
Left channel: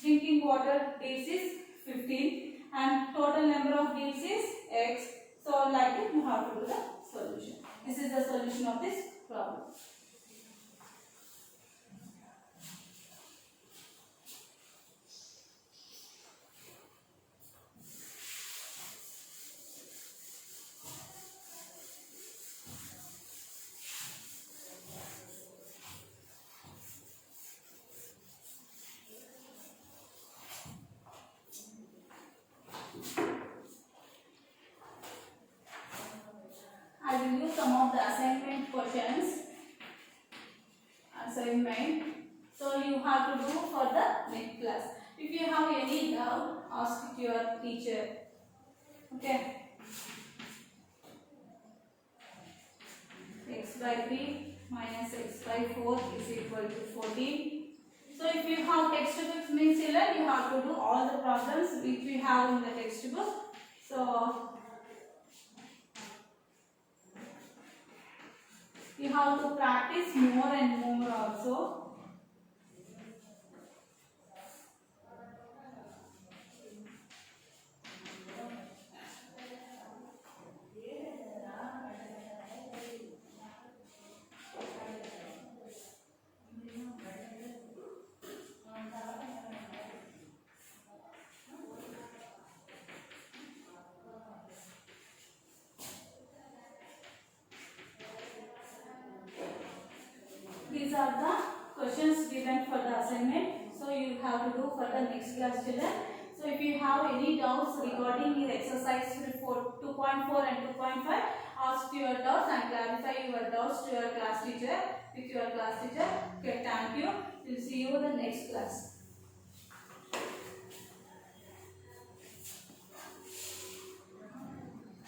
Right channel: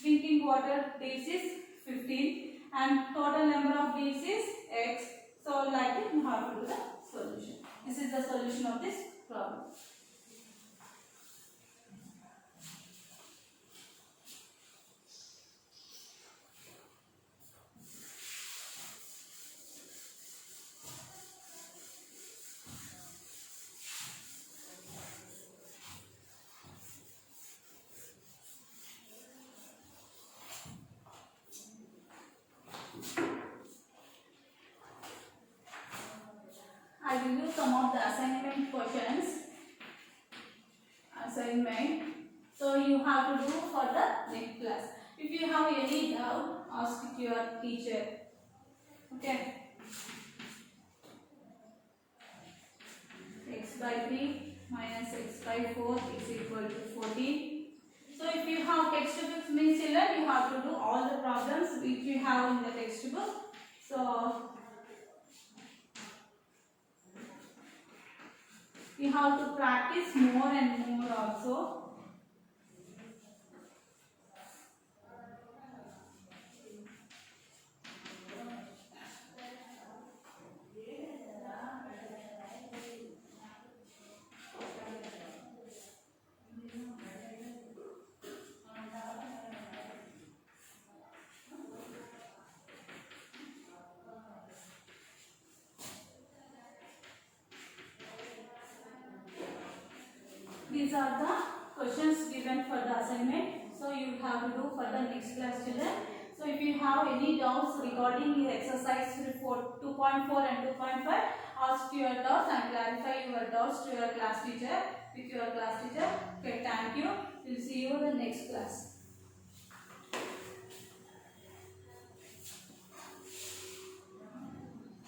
Drinking water D's is 15, and total number of D's is x. So like it, you have to do the solution. This is the solution of this problem. I will use some some of the assignment questions. Assignment. So you have to do for the next class. If you have any doubt, ask it to your teacher. Okay. X by 3 minus x by 4 is equal to 14. So if you have textbooks, means children, you have to do all the problems which we have in the textbook. So you have to practice more and more also. These are the questions given for the assignment. So you have to do for the next class, children. So if you have any doubts regarding your exercise 2.4 and 2.5, ask your doubts and clarify your doubts to your class teacher. With your class teacher. Okay, thank you. We'll see you in the next class.